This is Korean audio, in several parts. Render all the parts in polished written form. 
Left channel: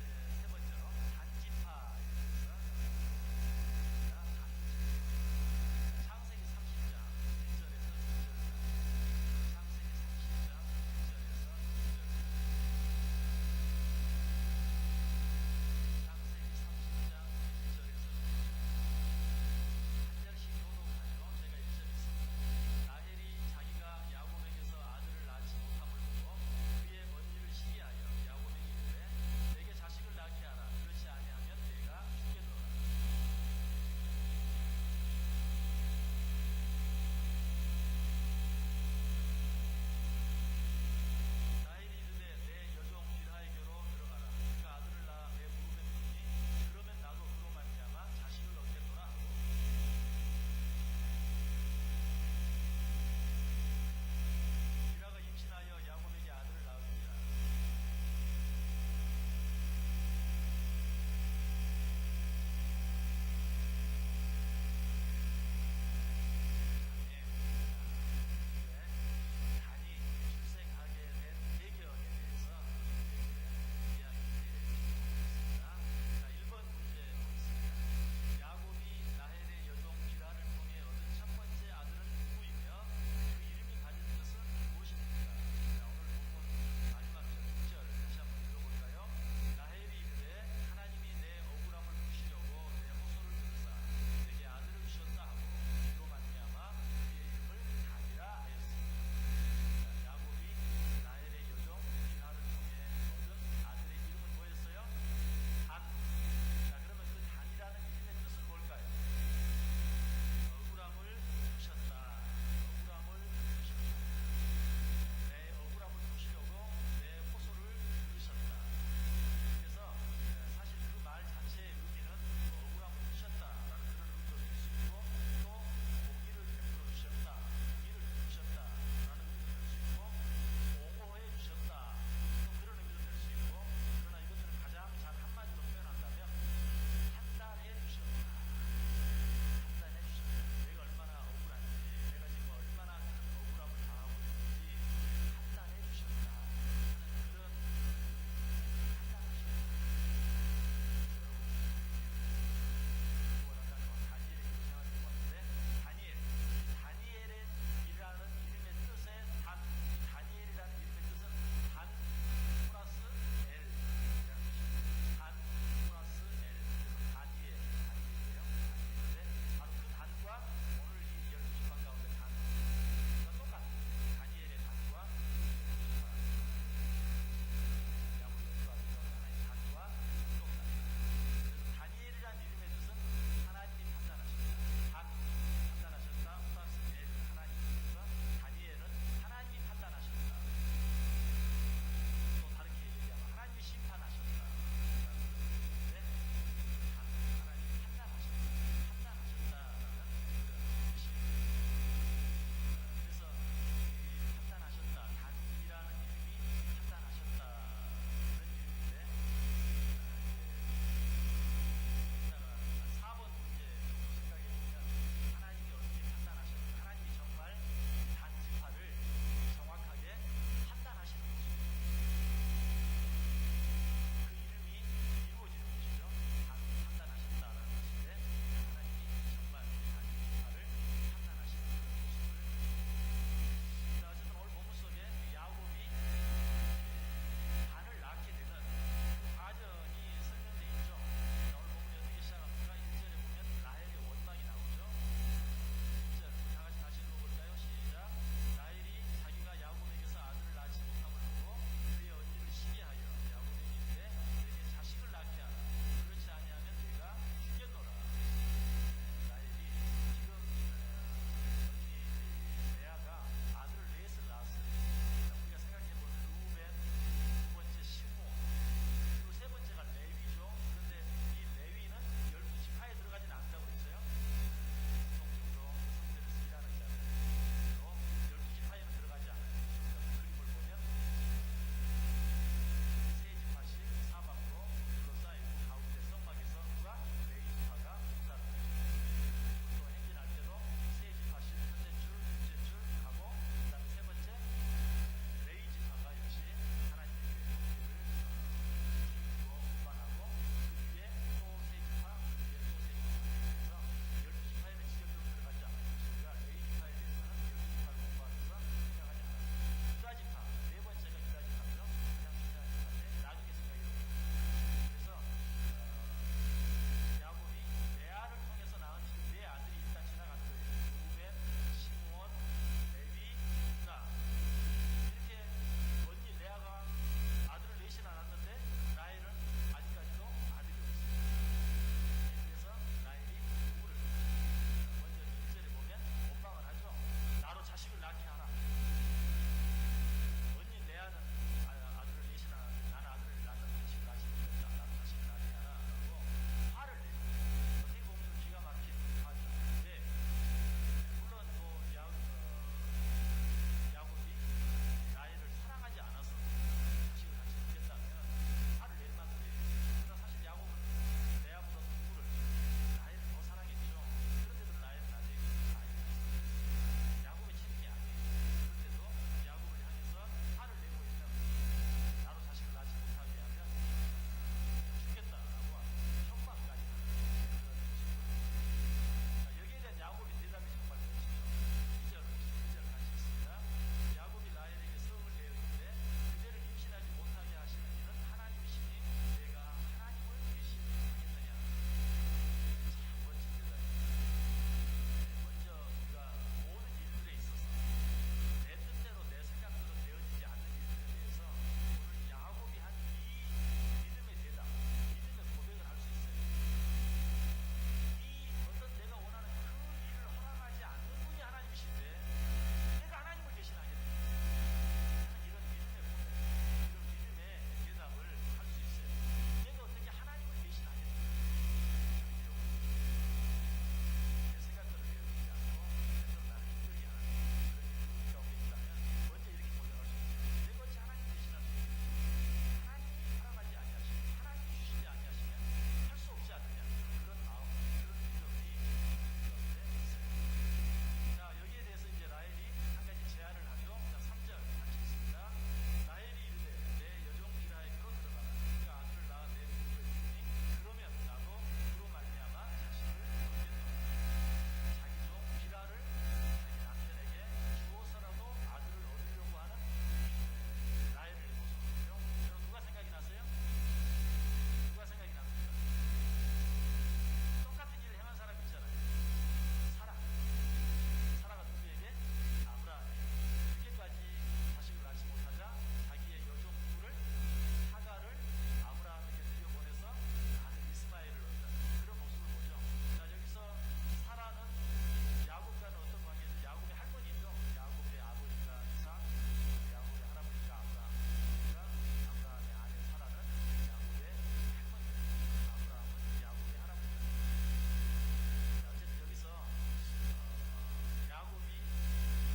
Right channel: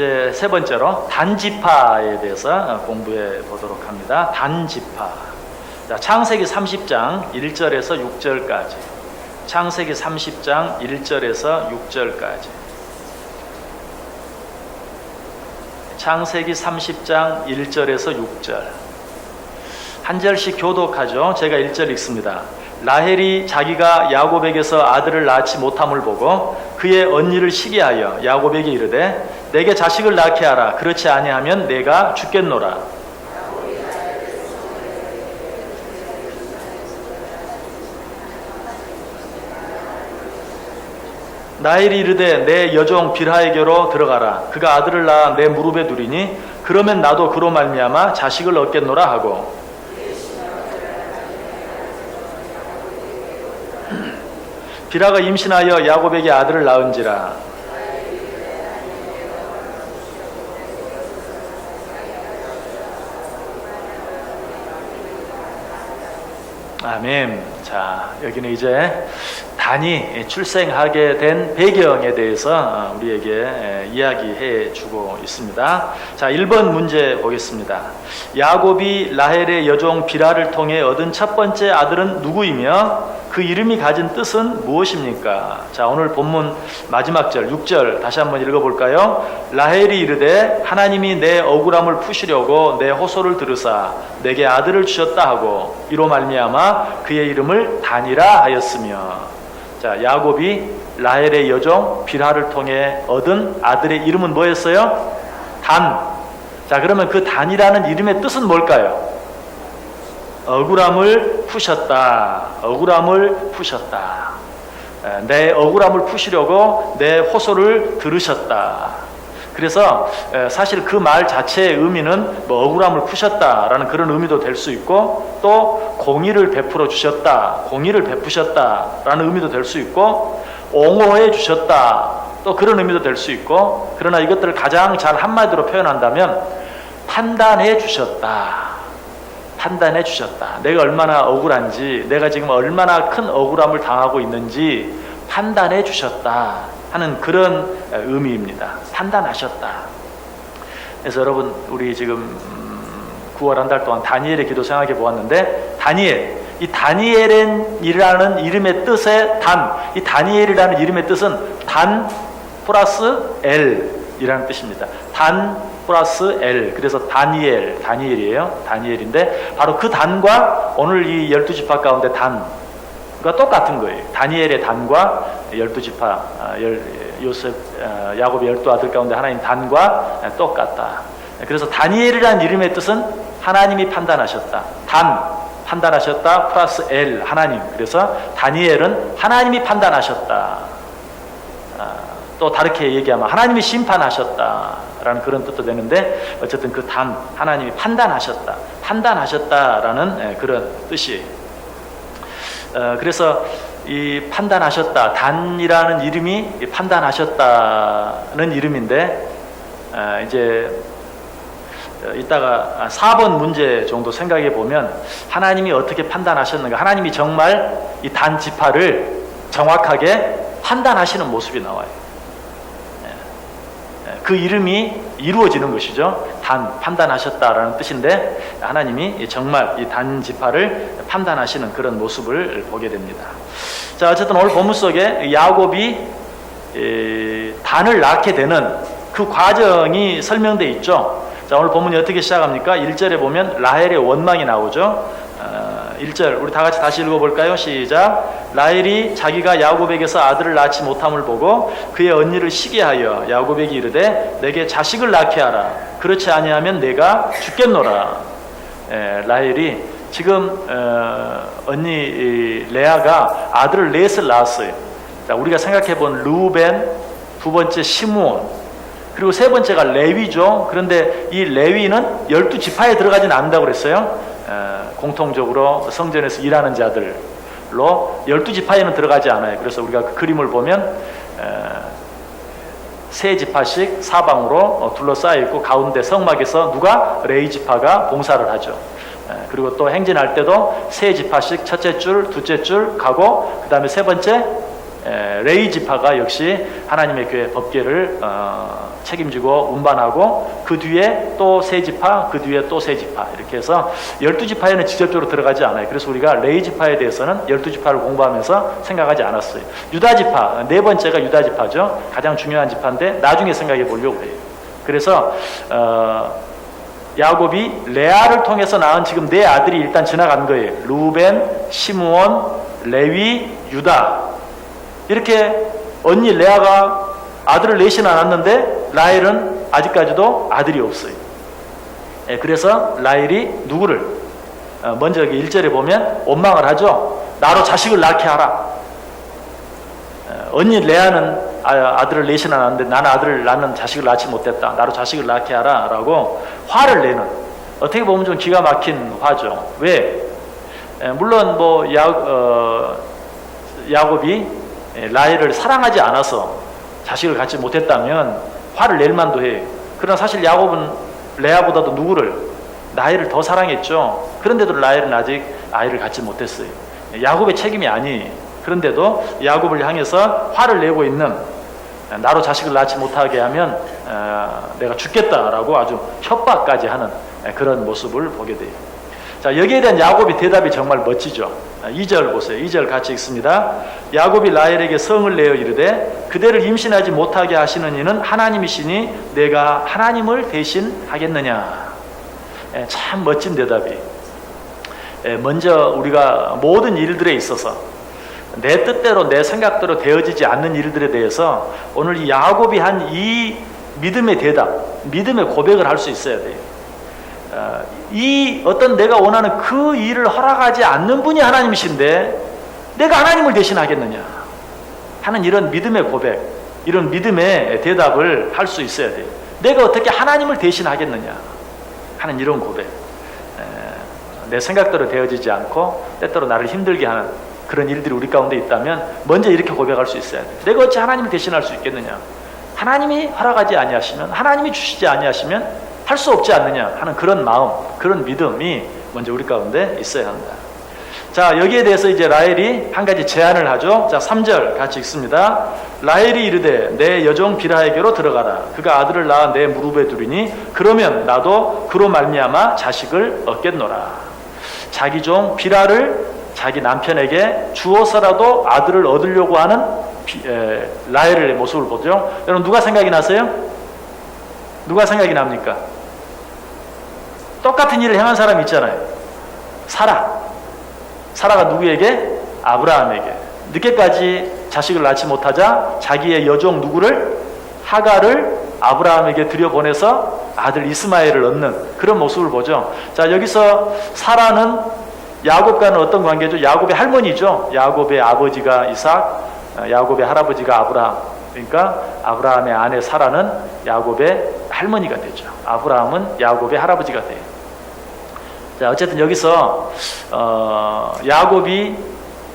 이제 세 번째로 단지파에 대해서 공부해 보도록 합니다. 단지파. 자, 창세기 30장 1절에서 6절까지. 창세기 30장 1절에서 6절까지. 창세기 30장 1절에서 6절. 한 절씩 교독하죠. 제가 1절 읽습니다. 라헬이 자기가 야곱에게서 아들을 낳지 못함을 보고 그의 언니를 시기하여 야곱에게 이르되 내게 자식을 낳게 하라. 그렇지 아니하면 내가 죽겠노라. 라헬이 이르되 내 여종 빌하에게로 들어가라. 그가 아들을 낳아 내 무릎에 두리니 그러면 나도 그로 말미암아 자식을 얻겠노라 하고 빌하가 임신하여 야곱에게 아들을 낳은지라. 아멘. 자, 여기는 이제 단이 출생하게 된 배경에 대해서 우리에게 이야기해 주고 있습니다. 자, 1번 문제 보겠습니다. 야곱이 라헬의 여종 빌하를 통해 얻은 첫 번째 아들은 누구이며 그 이름이 가진 뜻은 무엇입니까? 자, 오늘 본문 마지막 절 6절 다시 한번 읽어볼까요? 라헬이 이르되 하나님이 내 억울함을 푸시려고 내 호소를 들으사 내게 아들을 주셨다 하고 이로 말미암아 그의 이름을 단이라 하였으며. 자, 야곱이 라헬의 여종 빌하를 통해 얻은 아들의 이름은 뭐였어요? 단. 자, 그러면 그 단이라는 이름의 뜻은 뭘까요? 억울함을 푸셨다. 억울함을 푸셨다. 내 억울함을 푸시려고 내 호소를 들으셨다. 그래서 사실 그 말 자체의 의미는 뭐 억울함을 푸셨다라는 그런 의미도 될 수 있고 또 공의를 베풀어 주셨다, 공의를 베푸셨다라는 의미도 될 수 있고 옹호해 주셨다 또 그런 의미도 될 수 있고 그러나 이것들을 가장 잘 한마디로 표현한다면 판단해 주셨다. 판단해 주셨다. 내가 얼마나 억울한지 내가 지금 얼마나 큰 억울함을 당하고 있는지 판단해 주셨다 하는 그런 의미입니다. 판단하셨다. 그래서 여러분 우리 지금 9월 한 달 동안 다니엘의 기도 생각해 보았는데 다니엘, 이 다니엘이라는 이름의 뜻의 단, 이 다니엘이라는 이름의 뜻은 단 플러스 L이라는 뜻입니다. 단 플러스 L. 그래서 다니엘이에요. 다니엘인데 바로 그 단과 오늘 이 12지파 가운데 단과 똑같은 거예요. 다니엘의 단과 12지파 요셉 야곱의 12아들 가운데 하나인 단과 똑같다. 그래서 다니엘이라는 이름의 뜻은 하나님이 판단하셨다. 단 판단하셨다 플러스 L 하나님. 그래서 다니엘은 하나님이 판단하셨다. 또 다르게 얘기하면 하나님이 심판하셨다라는 그런 뜻도 되는데 어쨌든 그 단 하나님이 판단하셨다. 판단하셨다라는 그런 뜻이에요. 그래서 이 판단하셨다 단이라는 이름이 판단하셨다는 이름인데 이제 이따가 4번 문제 정도 생각해 보면 하나님이 어떻게 판단하셨는가, 하나님이 정말 이 단 지파를 정확하게 판단하시는 모습이 나와요. 그 이름이 이루어지는 것이죠. 단 판단하셨다라는 뜻인데 하나님이 정말 이 단 지파를 판단하시는 그런 모습을 보게 됩니다. 자, 어쨌든 오늘 본문 속에 야곱이 단을 낳게 되는 그 과정이 설명되어 있죠. 자, 오늘 본문이 어떻게 시작합니까? 1절에 보면 라헬의 원망이 나오죠. 1절 우리 다 같이 다시 읽어볼까요? 시작. 라헬이 자기가 야곱에게서 아들을 낳지 못함을 보고 그의 언니를 시기하여 야곱에게 이르되 내게 자식을 낳게 하라. 그렇지 아니하면 내가 죽겠노라. 라헬이 지금 언니 레아가 아들을 넷을 낳았어요. 자, 우리가 생각해본 루벤, 두 번째 시므온, 그리고 세 번째가 레위죠. 그런데 이 레위는 12지파에 들어가진 않는다고 그랬어요. 공통적으로 성전에서 일하는 자들로 12지파에는 들어가지 않아요. 그래서 우리가 그 그림을 보면 세 지파씩 사방으로 둘러싸여 있고 가운데 성막에서 누가? 레위 지파가 봉사를 하죠. 그리고 또 행진할 때도 세 지파씩 첫째 줄, 둘째 줄 가고 그 다음에 세 번째 레위 지파가 역시 하나님의 교회 법궤를 책임지고 운반하고 그 뒤에 또 세 지파, 그 뒤에 또 세 지파 이렇게 해서 12지파에는 직접적으로 들어가지 않아요. 그래서 우리가 레위 지파에 대해서는 12지파를 공부하면서 생각하지 않았어요. 유다 지파, 네 번째가 유다 지파죠. 가장 중요한 지파인데 나중에 생각해 보려고 해요. 그래서 야곱이 레아를 통해서 낳은 지금 네 아들이 일단 지나간 거예요. 루벤, 시므온, 레위, 유다. 이렇게 언니 레아가 아들을 넷이나 낳았는데 라헬은 아직까지도 아들이 없어요. 그래서 라헬이 누구를 먼저 1절에 보면 원망을 하죠. 나로 자식을 낳게 하라. 언니 레아는 아들을 넷이나 낳았는데 나는 아들을 낳는 자식을 낳지 못했다. 나로 자식을 낳게 하라 라고 화를 내는, 어떻게 보면 좀 기가 막힌 화죠. 왜? 물론 뭐 야곱이 라헬을 사랑하지 않아서 자식을 갖지 못했다면 화를 낼 만도 해요. 그러나 사실 야곱은 레아보다도 누구를? 라헬을 더 사랑했죠. 그런데도 라헬은 아직 아이를 갖지 못했어요. 야곱의 책임이 아니에요. 그런데도 야곱을 향해서 화를 내고 있는, 나로 자식을 낳지 못하게 하면 내가 죽겠다라고 아주 협박까지 하는 그런 모습을 보게 돼요. 자, 여기에 대한 야곱의 대답이 정말 멋지죠. 2절 보세요. 2절 같이 읽습니다. 야곱이 라헬에게 성을 내어 이르되 그대를 임신하지 못하게 하시는 이는 하나님이시니 내가 하나님을 대신하겠느냐. 참 멋진 대답이. 먼저 우리가 모든 일들에 있어서 내 뜻대로 내 생각대로 되어지지 않는 일들에 대해서 오늘 이 야곱이 한 이 믿음의 대답, 믿음의 고백을 할 수 있어야 돼요. 이 어떤 내가 원하는 그 일을 허락하지 않는 분이 하나님이신데 내가 하나님을 대신하겠느냐 하는 이런 믿음의 고백, 이런 믿음의 대답을 할 수 있어야 돼요. 내가 어떻게 하나님을 대신하겠느냐 하는 이런 고백. 내 생각대로 되어지지 않고 때때로 나를 힘들게 하는 그런 일들이 우리 가운데 있다면 먼저 이렇게 고백할 수 있어야 돼요. 내가 어찌 하나님을 대신할 수 있겠느냐. 하나님이 허락하지 아니하시면, 하나님이 주시지 아니하시면 할 수 없지 않느냐 하는 그런 마음, 그런 믿음이 먼저 우리 가운데 있어야 한다. 자, 여기에 대해서 이제 라헬이 한 가지 제안을 하죠. 자, 3절 같이 읽습니다. 라헬이 이르되 내 여종 빌하에게로 들어가라. 그가 아들을 낳아 내 무릎에 두리니 그러면 나도 그로 말미암아 자식을 얻겠노라. 자기 종 빌하를 자기 남편에게 주어서라도 아들을 얻으려고 하는 라헬의 모습을 보죠. 여러분 누가 생각이 나세요? 누가 생각이 납니까? 똑같은 일을 행한 사람이 있잖아요. 사라가 누구에게? 아브라함에게. 늦게까지 자식을 낳지 못하자 자기의 여종 누구를? 하갈을 아브라함에게 들여보내서 아들 이스마엘을 얻는 그런 모습을 보죠. 자, 여기서 사라는 야곱과는 어떤 관계죠? 야곱의 할머니죠. 야곱의 아버지가 이삭, 야곱의 할아버지가 아브라함. 그러니까 아브라함의 아내 사라는 야곱의 할머니가 되죠. 아브라함은 야곱의 할아버지가 돼요. 자, 어쨌든 여기서 야곱이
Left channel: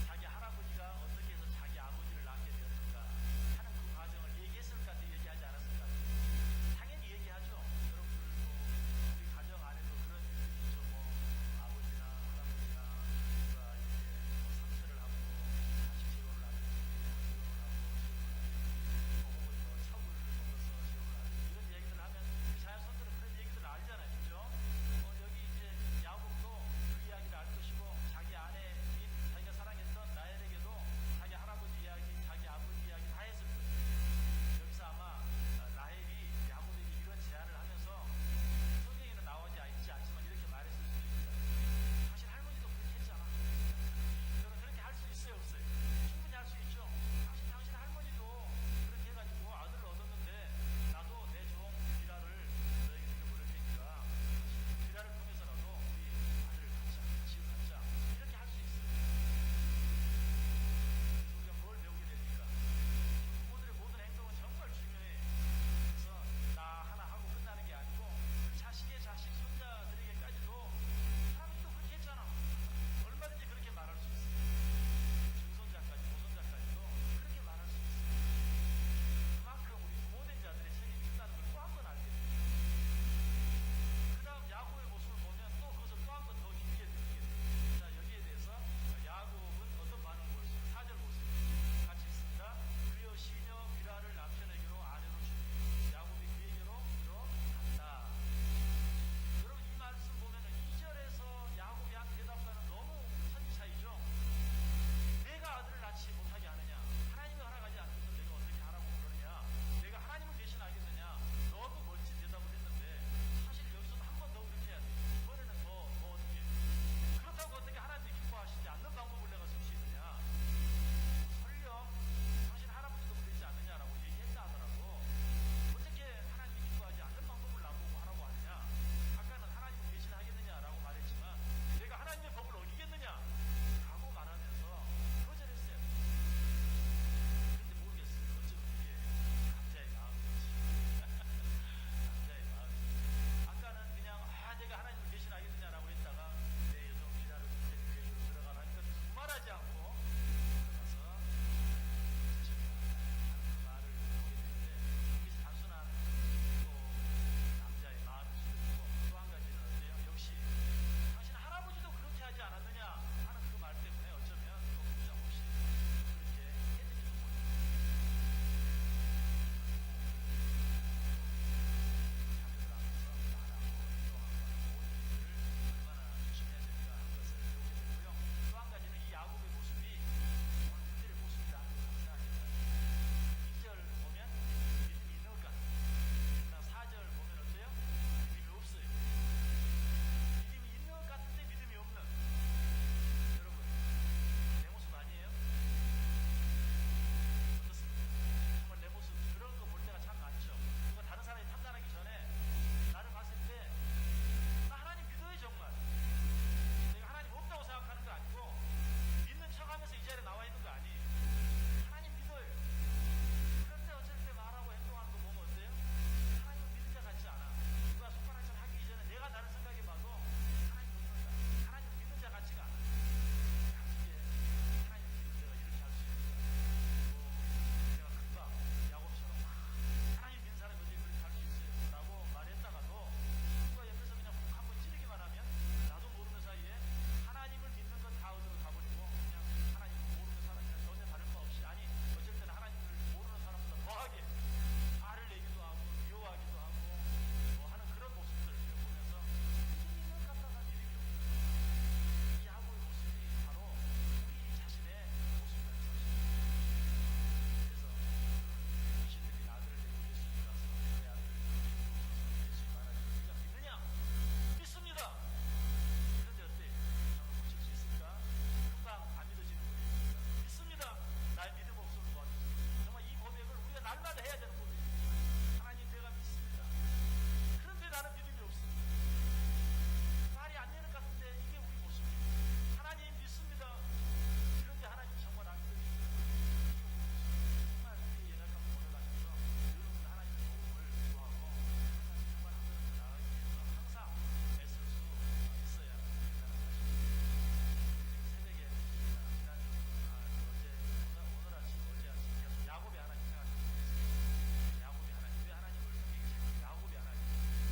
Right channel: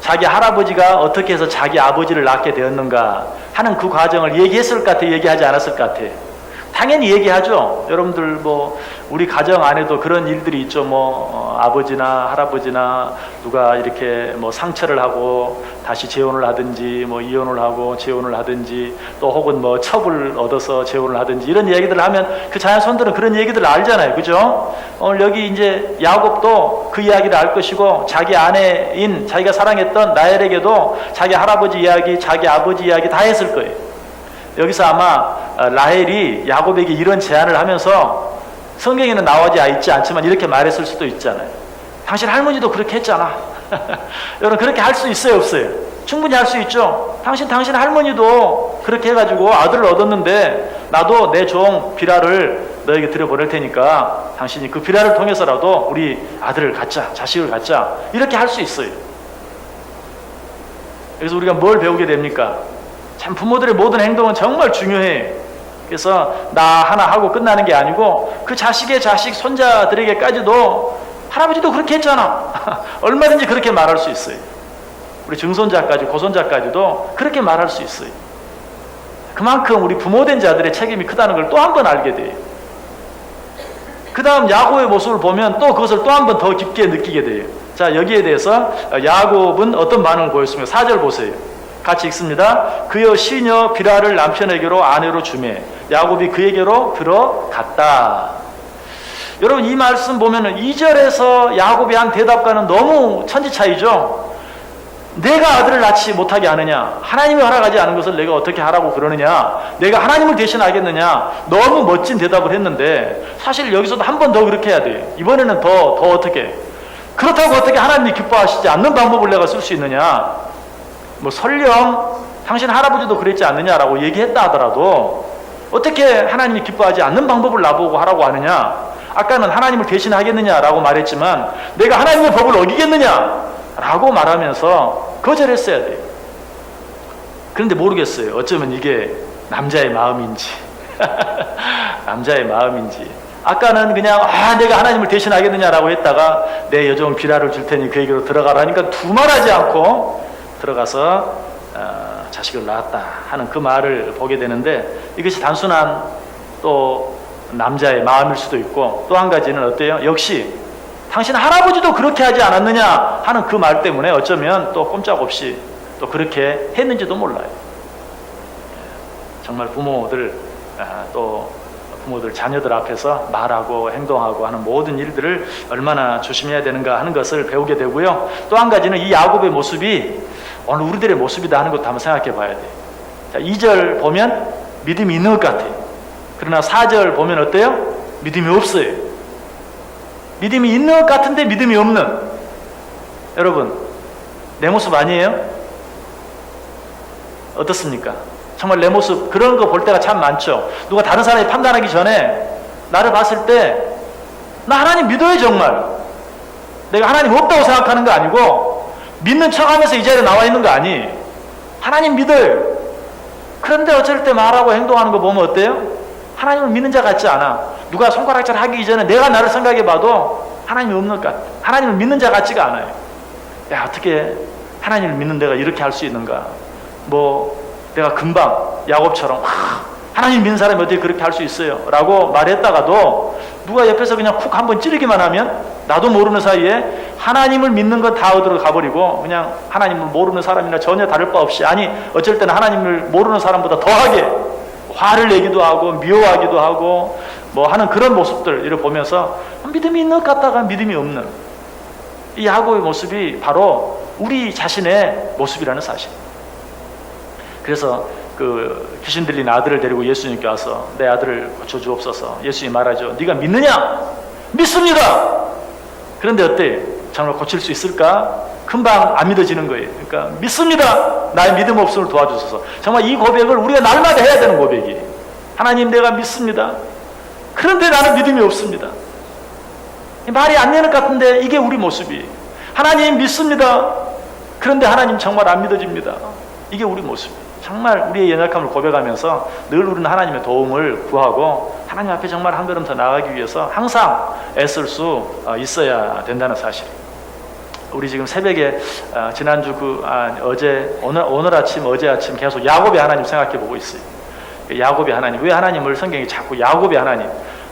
자기 할아버지가 어떻게 해서 자기 아버지를 낳게 되었는가 하는 그 과정을 얘기했을 것 같아, 얘기하지 않았을 것 같아? 당연히 얘기하죠. 여러분들 뭐 우리 가정 안에도 그런 일들이 있죠. 뭐 아버지나 할아버지나 누가 이렇게 뭐 상처를 하고 다시 재혼을 하든지 뭐 이혼을 하고 재혼을 하든지 또 혹은 뭐 첩을 얻어서 재혼을 하든지 이런 얘기들을 하면 그 자손들은 그런 얘기들을 알잖아요. 그죠? 오늘 여기 이제 야곱도 그 이야기를 알 것이고 자기 아내인 자기가 사랑했던 라헬에게도 자기 할아버지 이야기, 자기 아버지 이야기 다 했을 거예요. 여기서 아마 라헬이 야곱에게 이런 제안을 하면서 성경에는 나오지 있지 않지만 이렇게 말했을 수도 있잖아요. 당신 할머니도 그렇게 했잖아. 여러분 그렇게 할 수 있어요, 없어요? 충분히 할 수 있죠. 당신 할머니도 그렇게 해가지고 아들을 얻었는데 나도 내 종 비라를 너에게 들여보낼 테니까 당신이 그 비라를 통해서라도 우리 아들을 갖자, 자식을 갖자, 이렇게 할 수 있어요. 그래서 우리가 뭘 배우게 됩니까? 참 부모들의 모든 행동은 정말 중요해. 그래서 나 하나 하고 끝나는 게 아니고 그 자식의 자식, 손자들에게까지도 할아버지도 그렇게 했잖아. 얼마든지 그렇게 말할 수 있어요. 우리 증손자까지, 고손자까지도 그렇게 말할 수 있어요. 그만큼 우리 부모된 자들의 책임이 크다는 걸 또 한 번 알게 돼요. 그 다음 야곱의 모습을 보면 또 그것을 또 한 번 더 깊게 느끼게 돼요. 자, 여기에 대해서 야곱은 어떤 반응을 보였으며 4절 보세요. 같이 읽습니다. 그여 시녀 비라를 남편에게로 아내로 주매 야곱이 그에게로 들어갔다. 여러분 이 말씀 보면은 2절에서 야곱이 한 대답과는 너무 천지 차이죠. 내가 아들을 낳지 못하게 하느냐, 하나님이 허락하지 않은 것을 내가 어떻게 하라고 그러느냐, 내가 하나님을 대신하겠느냐, 너무 멋진 대답을 했는데 사실 여기서도 한 번 더 그렇게 해야 돼. 이번에는 더 어떻게, 그렇다고 어떻게 하나님이 기뻐하시지 않는 방법을 내가 쓸 수 있느냐, 뭐 설령 당신 할아버지도 그랬지 않느냐라고 얘기했다 하더라도 어떻게 하나님이 기뻐하지 않는 방법을 나보고 하라고 하느냐, 아까는 하나님을 대신하겠느냐라고 말했지만 내가 하나님의 법을 어기겠느냐 라고 말하면서 거절했어야 돼요. 그런데 모르겠어요. 어쩌면 이게 남자의 마음인지 남자의 마음인지. 아까는 그냥 내가 하나님을 대신하겠느냐라고 했다가 내 여종 비라를 줄 테니 그에게로 들어가라니까 두말하지 않고 들어가서 자식을 낳았다 하는 그 말을 보게 되는데, 이것이 단순한 또 남자의 마음일 수도 있고, 또 한 가지는 어때요? 역시 당신 할아버지도 그렇게 하지 않았느냐 하는 그 말 때문에 어쩌면 또 꼼짝없이 또 그렇게 했는지도 몰라요. 정말 부모들 자녀들 앞에서 말하고 행동하고 하는 모든 일들을 얼마나 조심해야 되는가 하는 것을 배우게 되고요. 또 한 가지는 이 야곱의 모습이 오늘 우리들의 모습이다 하는 것도 한번 생각해 봐야 돼요. 자, 2절 보면 믿음이 있는 것 같아요. 그러나 4절 보면 어때요? 믿음이 없어요. 믿음이 있는 것 같은데 믿음이 없는. 여러분 내 모습 아니에요? 어떻습니까? 정말 내 모습 그런 거 볼 때가 참 많죠. 누가 다른 사람이 판단하기 전에 나를 봤을 때 나 하나님 믿어요. 정말 내가 하나님 없다고 생각하는 거 아니고 믿는 척하면서 이 자리에 나와 있는 거 아니. 하나님 믿어요. 그런데 어쩔 때 말하고 행동하는 거 보면 어때요? 하나님을 믿는 자 같지 않아. 누가 손가락질 하기 이전에 내가 나를 생각해 봐도 하나님이 없는 것 같아. 하나님을 믿는 자 같지가 않아요. 야, 어떻게 하나님을 믿는 내가 이렇게 할 수 있는가. 뭐 내가 금방 야곱처럼 하나님 믿는 사람이 어떻게 그렇게 할 수 있어요 라고 말했다가도 누가 옆에서 그냥 쿡 한번 찌르기만 하면 나도 모르는 사이에 하나님을 믿는 건 다 어디로 가버리고 그냥 하나님을 모르는 사람이나 전혀 다를 바 없이, 아니 어쩔 때는 하나님을 모르는 사람보다 더하게 화를 내기도 하고 미워하기도 하고 뭐 하는 그런 모습들을 보면서 믿음이 있는 것 같다가 믿음이 없는 이 야곱의 모습이 바로 우리 자신의 모습이라는 사실. 그래서 그 귀신 들린 아들을 데리고 예수님께 와서 내 아들을 고쳐주옵소서. 예수님이 말하죠. 네가 믿느냐? 믿습니다. 그런데 어때? 정말 고칠 수 있을까? 금방 안 믿어지는 거예요. 그러니까 믿습니다. 나의 믿음 없음을 도와주소서. 정말 이 고백을 우리가 날마다 해야 되는 고백이. 하나님 내가 믿습니다. 그런데 나는 믿음이 없습니다. 말이 안 되는 것 같은데 이게 우리 모습이에요. 하나님 믿습니다. 그런데 하나님 정말 안 믿어집니다. 이게 우리 모습이에요. 정말 우리의 연약함을 고백하면서 늘 우리는 하나님의 도움을 구하고 하나님 앞에 정말 한 걸음 더 나아가기 위해서 항상 애쓸 수 있어야 된다는 사실. 우리 지금 새벽에 지난주 오늘 아침 어제 아침 계속 야곱의 하나님 생각해 보고 있어요. 야곱의 하나님, 왜 하나님을 성경이 자꾸 야곱의 하나님,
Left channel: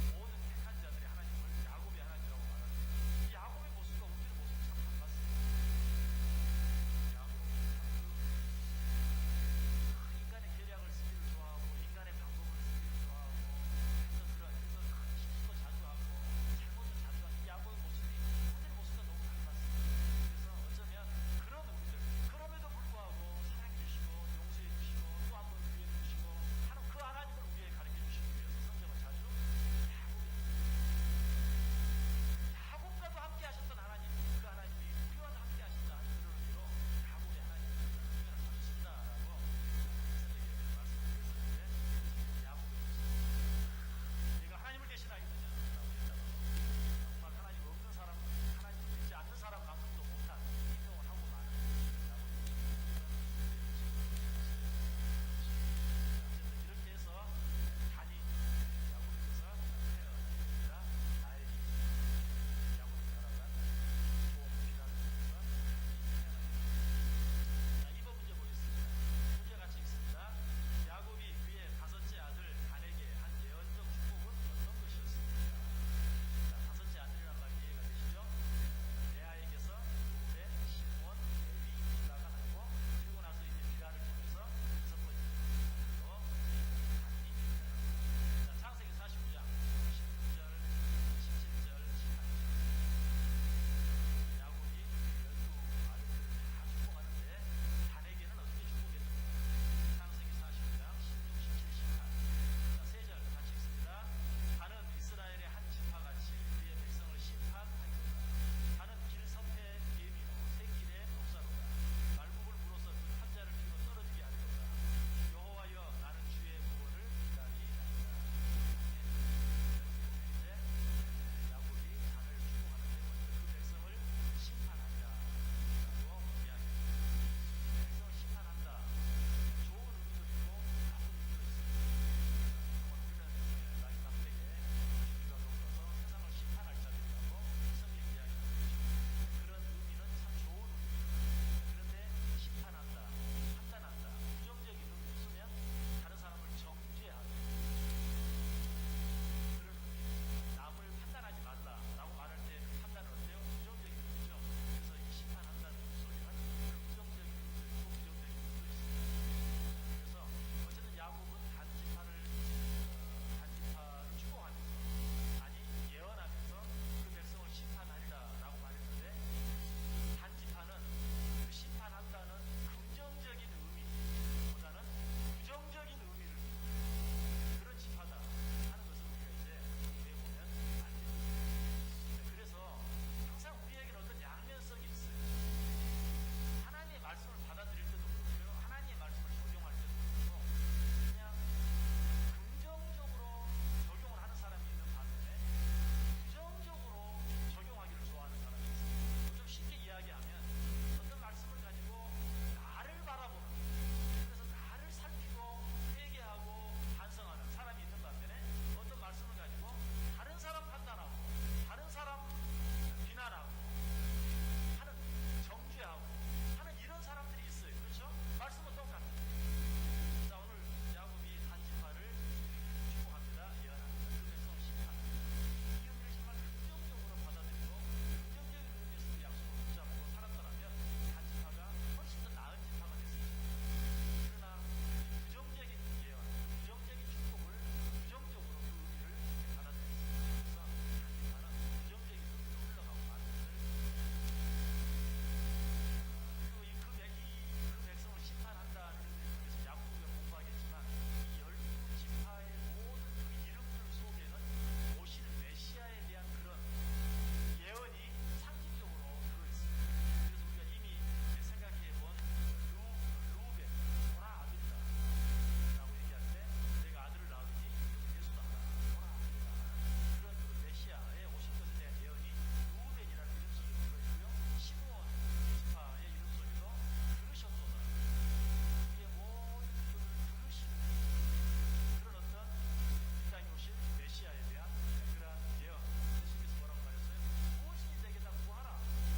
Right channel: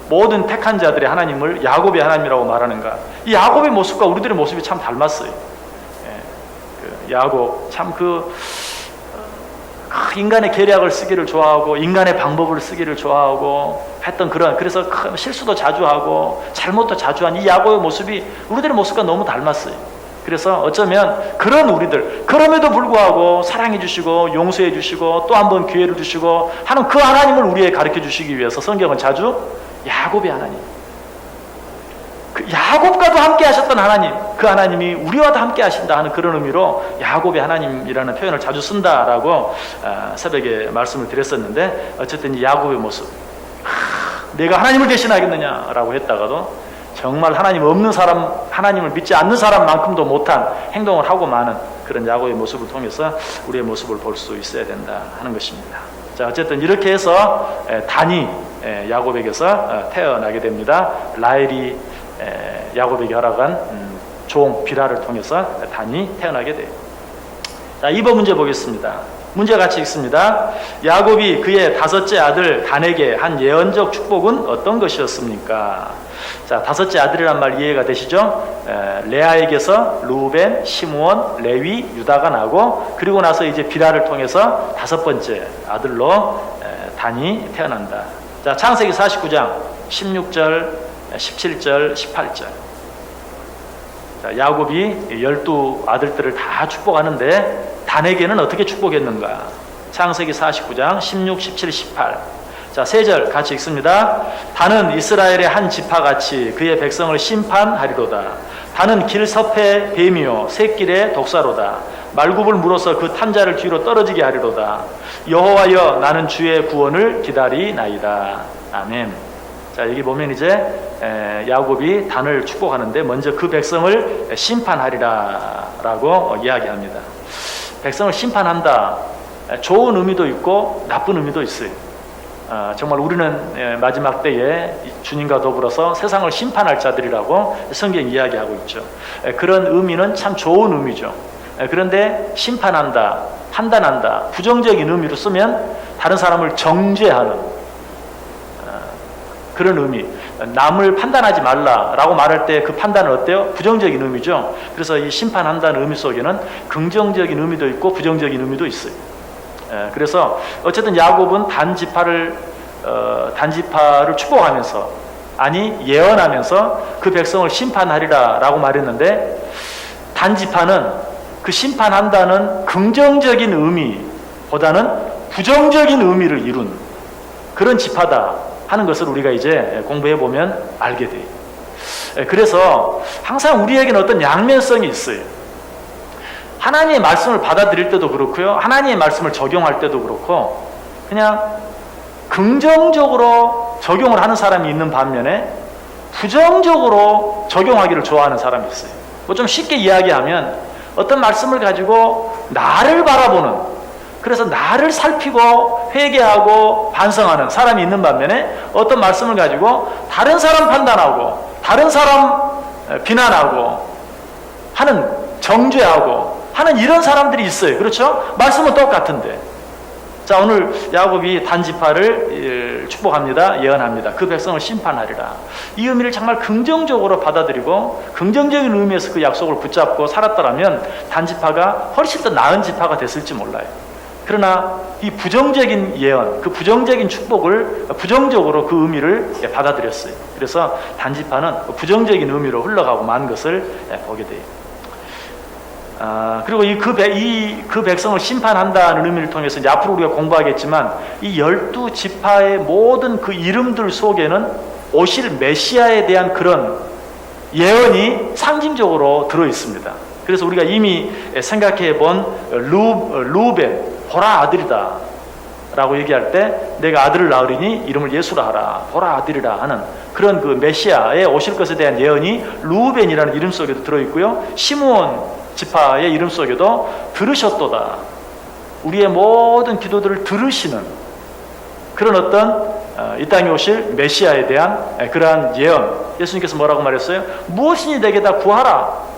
모든 택한 자들의 하나님을 야곱의 하나님이라고 말하는가. 이 야곱의 모습과 우리들의 모습이 참 닮았어요. 야곱 참 인간의 계략을 쓰기를 좋아하고 인간의 방법을 쓰기를 좋아하고 했던 그래서 실수도 자주 하고 잘못도 자주 한 이 야곱의 모습이 우리들의 모습과 너무 닮았어요. 그래서 어쩌면 그런 우리들, 그럼에도 불구하고 사랑해 주시고 용서해 주시고 또 한 번 기회를 주시고 하는 그 하나님을 우리에게 가르쳐 주시기 위해서 성경은 자주 야곱의 하나님, 그 야곱과도 함께 하셨던 하나님, 그 하나님이 우리와도 함께 하신다 하는 그런 의미로 야곱의 하나님이라는 표현을 자주 쓴다라고 새벽에 말씀을 드렸었는데, 어쨌든 이 야곱의 모습, 내가 하나님을 대신하겠느냐라고 했다가도 정말 하나님 없는 사람, 하나님을 믿지 않는 사람만큼도 못한 행동을 하고 마는 그런 야곱의 모습을 통해서 우리의 모습을 볼 수 있어야 된다 하는 것입니다. 자, 어쨌든 이렇게 해서 단이 야곱에게서 태어나게 됩니다. 라헬이 야곱에게 허락한 종 비라를 통해서 단이 태어나게 돼요. 자, 2번 문제 보겠습니다. 문제 같이 있습니다. 야곱이 그의 다섯째 아들 단에게 한 예언적 축복은 어떤 것이었습니까? 자, 다섯째 아들이란 말 이해가 되시죠? 레아에게서 루벤, 시므온, 레위, 유다가 나고, 그리고 나서 이제 비라를 통해서 다섯 번째 아들로 단이 태어난다. 자, 창세기 49장 16절, 17절, 18절. 자, 야곱이 12아들들을 다 축복하는데 단에게는 어떻게 축복했는가? 창세기 49장 16, 17, 18. 자, 세 절 같이 읽습니다. 단은 이스라엘의 한 지파같이 그의 백성을 심판하리로다. 단은 길 섭의 뱀이요 샛길의 독사로다. 말굽을 물어서 그 탄자를 뒤로 떨어지게 하리로다. 여호와여, 나는 주의 구원을 기다리나이다. 아멘. 자, 여기 보면 이제 야곱이 단을 축복하는데 먼저 그 백성을 심판하리라 라고 이야기합니다. 백성을 심판한다. 좋은 의미도 있고 나쁜 의미도 있어요. 정말 우리는 마지막 때에 주님과 더불어서 세상을 심판할 자들이라고 성경이 이야기하고 있죠. 그런 의미는 참 좋은 의미죠. 그런데 심판한다, 판단한다, 부정적인 의미로 쓰면 다른 사람을 정죄하는 그런 의미. 남을 판단하지 말라라고 말할 때 그 판단은 어때요? 부정적인 의미죠. 그래서 이 심판한다는 의미 속에는 긍정적인 의미도 있고 부정적인 의미도 있어요. 그래서 어쨌든 야곱은 단지파를 축복하면서, 아니 예언하면서 그 백성을 심판하리라라고 말했는데, 단지파는 그 심판한다는 긍정적인 의미보다는 부정적인 의미를 이룬 그런 지파다 하는 것을 우리가 이제 공부해 보면 알게 돼요. 그래서 항상 우리에게는 어떤 양면성이 있어요. 하나님의 말씀을 받아들일 때도 그렇고요, 하나님의 말씀을 적용할 때도 그렇고, 그냥 긍정적으로 적용을 하는 사람이 있는 반면에 부정적으로 적용하기를 좋아하는 사람이 있어요. 뭐 좀 쉽게 이야기하면 어떤 말씀을 가지고 나를 바라보는, 그래서 나를 살피고 회개하고 반성하는 사람이 있는 반면에 어떤 말씀을 가지고 다른 사람 판단하고 다른 사람 비난하고 하는, 정죄하고 하는 이런 사람들이 있어요. 그렇죠? 말씀은 똑같은데. 자, 오늘 야곱이 단지파를 축복합니다. 예언합니다. 그 백성을 심판하리라. 이 의미를 정말 긍정적으로 받아들이고 긍정적인 의미에서 그 약속을 붙잡고 살았더라면 단지파가 훨씬 더 나은 지파가 됐을지 몰라요. 그러나 이 부정적인 예언, 그 부정적인 축복을 부정적으로 그 의미를 받아들였어요. 그래서 단지파는 부정적인 의미로 흘러가고 만 것을 보게 돼요. 그리고 그 백성을 심판한다는 의미를 통해서 이제 앞으로 우리가 공부하겠지만, 이 12지파의 모든 그 이름들 속에는 오실 메시아에 대한 그런 예언이 상징적으로 들어 있습니다. 그래서 우리가 이미 생각해 본 루벤, 보라 아들이다 라고 얘기할 때, 내가 아들을 낳으리니 이름을 예수라 하라, 보라 아들이라 하는 그런 그 메시아에 오실 것에 대한 예언이 루벤이라는 이름 속에도 들어있고요, 시므온 지파의 이름 속에도 들으셨도다, 우리의 모든 기도들을 들으시는 그런 어떤 이 땅에 오실 메시아에 대한 그러한 예언. 예수님께서 뭐라고 말했어요? 무엇이니 내게 다 구하라.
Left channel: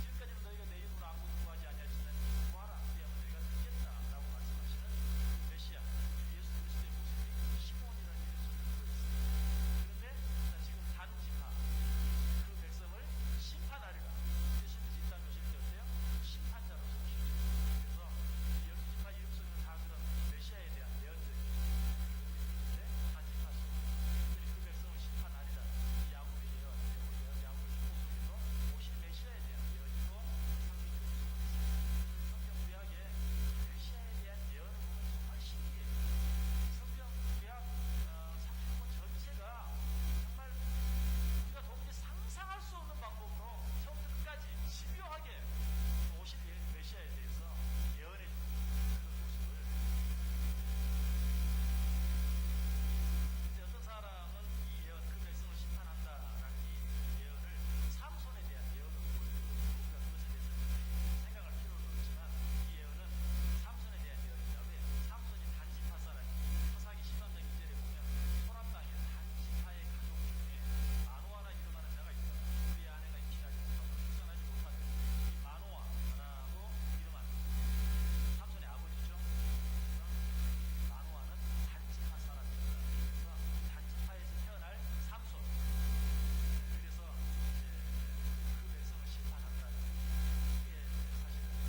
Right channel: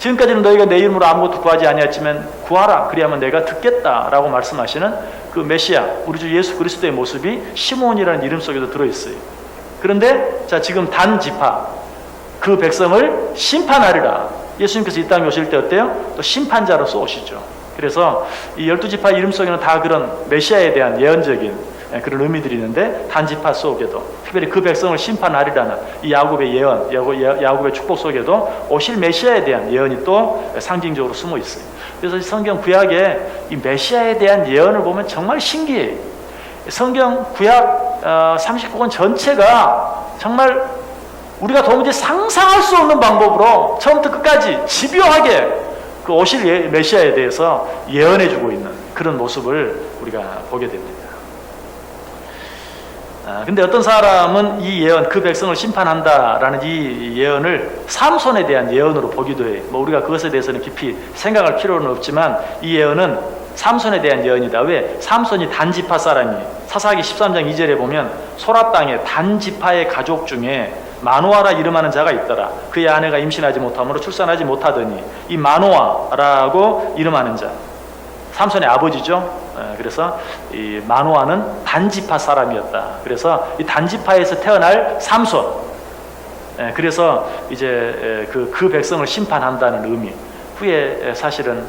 지금까지는 너희가 내 이름으로 아무것도 구하지 아니했지만 구하라, 그리하면 내가 듣겠다라고 말씀하시는 그 메시아, 우리 주 예수 그리스도의 모습이 시므온이라는 이름 속에도 들어있어요. 그런데 자, 지금 단지파, 그 백성을 심판하리라. 예수님께서 이 땅에 오실 때 어때요? 또 심판자로서 오시죠. 그래서 이 12지파 이름 속에는 다 그런 메시아에 대한 예언적인 그런 의미들이 있는데, 단지파 속에도 특별히 그 백성을 심판하리라는 이 야곱의 예언, 야곱의 축복 속에도 오실 메시아에 대한 예언이 또 상징적으로 숨어 있어요. 그래서 성경 구약에 이 메시아에 대한 예언을 보면 정말 신기해요. 성경 구약 39권 전체가 정말 우리가 도무지 상상할 수 없는 방법으로 처음부터 끝까지 집요하게 그 오실 메시아에 대해서 예언해주고 있는 그런 모습을 우리가 보게 됩니다. 근데 어떤 사람은 이 예언, 그 백성을 심판한다라는 이 예언을 삼손에 대한 예언으로 보기도 해요. 뭐 우리가 그것에 대해서는 깊이 생각할 필요는 없지만, 이 예언은 삼손에 대한 예언이다. 왜? 삼손이 단지파 사람이에요. 사사기 13장 2절에 보면 소라 땅에 단지파의 가족 중에 마노아라 이름하는 자가 있더라. 그의 아내가 임신하지 못함으로 출산하지 못하더니 이 마노아라고 이름하는 자, 삼손의 아버지죠. 그래서 이 마노아는 단지파 사람이었다. 그래서 이 단지파에서 태어날 삼손. 그래서 이제 그 백성을 심판한다는 의미. 후에 사실은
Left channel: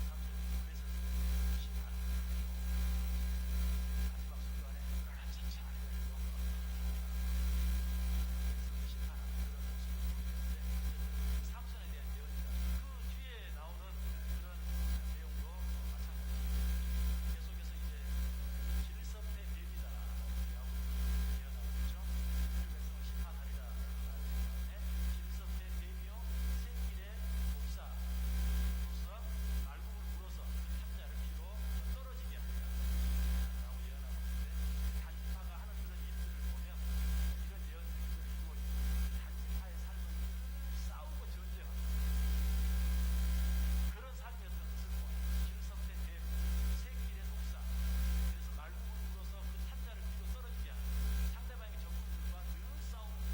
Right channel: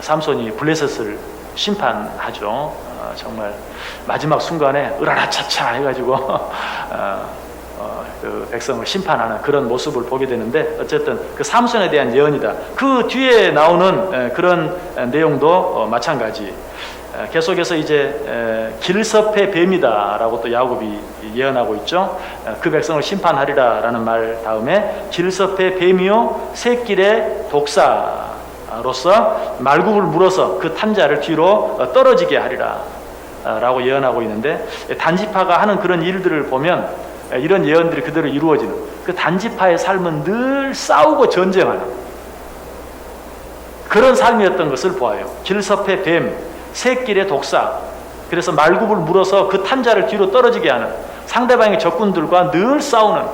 삼손이 블레셋을 심판하죠. 정말 마지막 순간에 으라라차차 해가지고 그 백성을 심판하는 그런 모습을 보게 되는데, 어쨌든 그 삼손에 대한 예언이다. 그 뒤에 나오는 그런 내용도 마찬가지. 계속해서 이제 길섭의 뱀이다라고 또 야곱이 예언하고 있죠. 그 백성을 심판하리라라는 말 다음에 길섭의 뱀이요 새길의 독사로서 말굽을 물어서 그 탄자를 뒤로 떨어지게 하리라 라고 예언하고 있는데, 단지파가 하는 그런 일들을 보면 이런 예언들이 그대로 이루어지는, 그 단지파의 삶은 늘 싸우고 전쟁하는 그런 삶이었던 것을 보아요. 길섭의 뱀, 새길의 독사. 그래서 말굽을 물어서 그 탄자를 뒤로 떨어지게 하는, 상대방의 적군들과 늘 싸우는,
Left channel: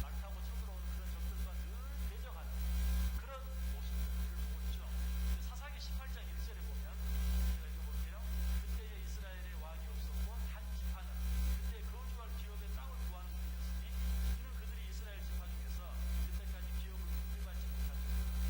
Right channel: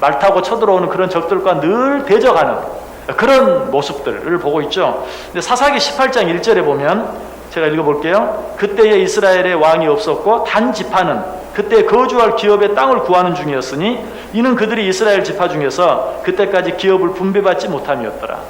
말 타고 쳐들어오는 그런 적들과 늘 대적하는 그런 모습들을 보고 있죠. 근데 사사기 18장 1절에 보면, 제가 읽어볼게요. 그때에 이스라엘의 왕이 없었고 단 지파는 그때 거주할 기업의 땅을 구하는 중이었으니 이는 그들이 이스라엘 지파 중에서 그때까지 기업을 분배받지 못함이었더라.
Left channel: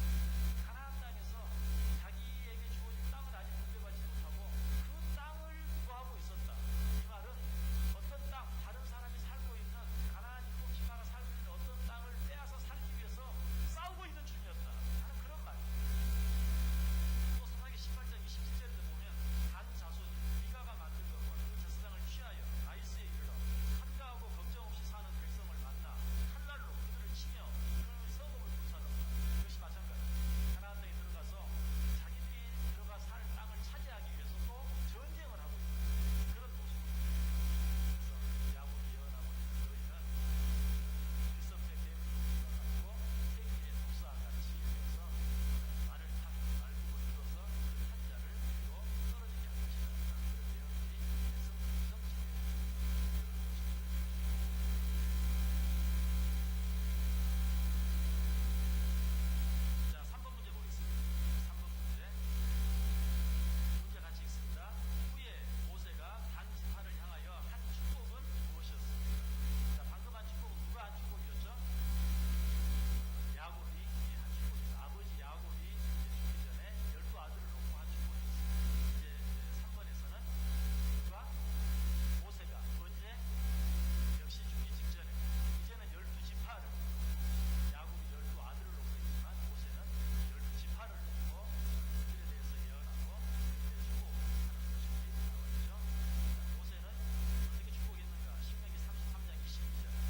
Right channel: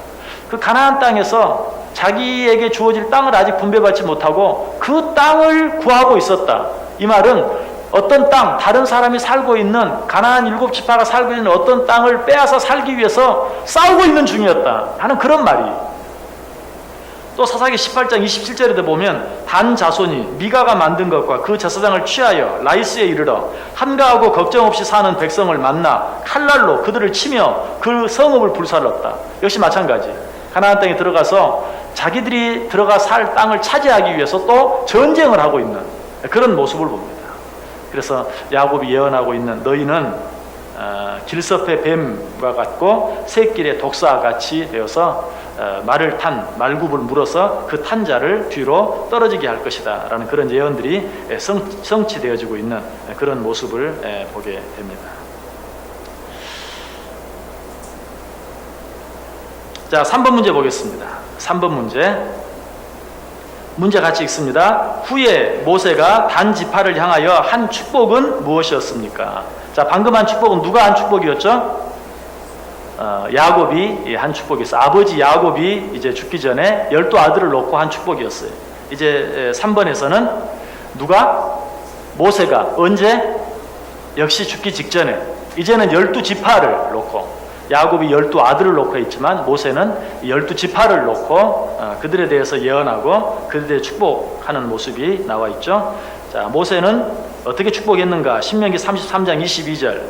그 가나안 땅에서 자기에게 주어질 땅을 아직 분배받지 못하고 그 땅을 구하고 있었다. 이 말은 어떤 땅, 다른 사람이 살고 있는, 가나안 7지파가 살고 있는 어떤 땅을 빼앗아 살기 위해서 싸우고 있는 중이었다 하는 그런 말이. 또 사사기 18장 27절에도 보면 단 자손이 미가가 만든 것과 그 제사장을 취하여 라이스에 이르러 한가하고 걱정 없이 사는 백성을 만나 칼날로 그들을 치며 그 성읍을 불살랐다. 역시 마찬가지. 가나안 땅에 들어가서 자기들이 들어가 살 땅을 차지하기 위해서 또 전쟁을 하고 있는 그런 모습을 봅니다. 그래서 야곱이 예언하고 있는, 너희는 길섭의 뱀과 같고 새길의 독사와 같이 되어서 말을 탄 말굽을 물어서 그 탄자를 뒤로 떨어지게 할 것이다 라는 그런 예언들이 성취되어지고 있는 그런 모습을 보게 됩니다. 자, 3번 문제 보겠습니다. 3번 문제 같이 읽습니다. 후에 모세가 단 지파를 향하여 한 축복은 무엇이었습니까? 자, 방금 한 축복은 누가 한 축복이었죠? 야곱이 한 축복이었어요. 아버지 야곱이 이제 죽기 전에 12아들을 놓고 한 축복이었어요. 이제 3번에서는 누가? 모세가. 언제? 역시 죽기 직전에. 이제는 12지파를 놓고, 야곱이 12아들을 놓고 있지만 모세는 12지파를 놓고 그들에 대해서 예언하고 그들에 축복하는 모습이 나와 있죠. 자, 모세는 어떻게 축복했는가? 신명기 33장 22절.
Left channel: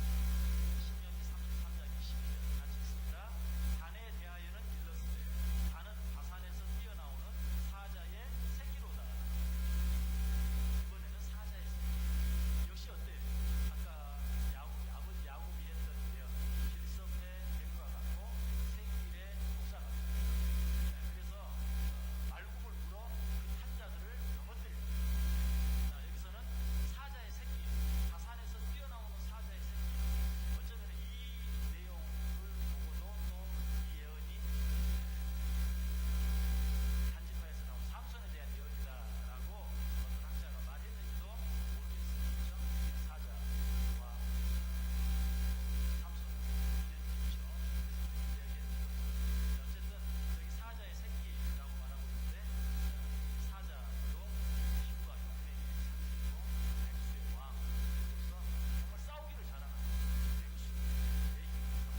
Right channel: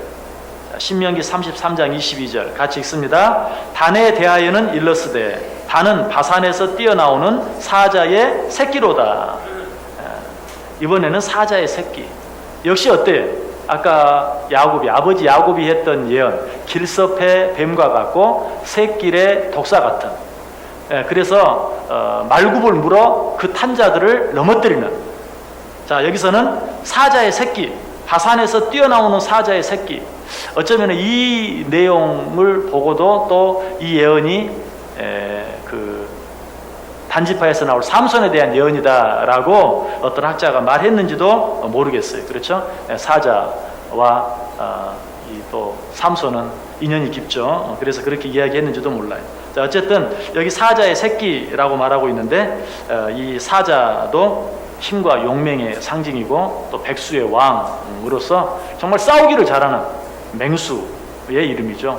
신명기 33장 22절 같이 읽습니다. 단에 대하여는 일러스되 단은 바산에서 뛰어나오는 사자의 새끼로다. 이번에는 사자의 새끼. 역시 어때요? 아까 야곱이, 아버지 야곱이 했던 예언, 길섭의 뱀과 같고 새길의 독사 같은. 그래서 말굽을 물어 그 탄자들을 넘어뜨리는. 자, 여기서는 사자의 새끼, 바산에서 뛰어나오는 사자의 새끼. 어쩌면 이 내용을 보고도 또 이 예언이 그 단지파에서 나올 삼손에 대한 예언이다라고 어떤 학자가 말했는지도 모르겠어요. 그렇죠? 사자와 이 또 삼손은 인연이 깊죠. 그래서 그렇게 이야기했는지도 몰라요. 자, 어쨌든 여기 사자의 새끼라고 말하고 있는데 이 사자도 힘과 용맹의 상징이고 또 백수의 왕으로서 정말 싸우기를 잘하는 맹수의 이름이죠.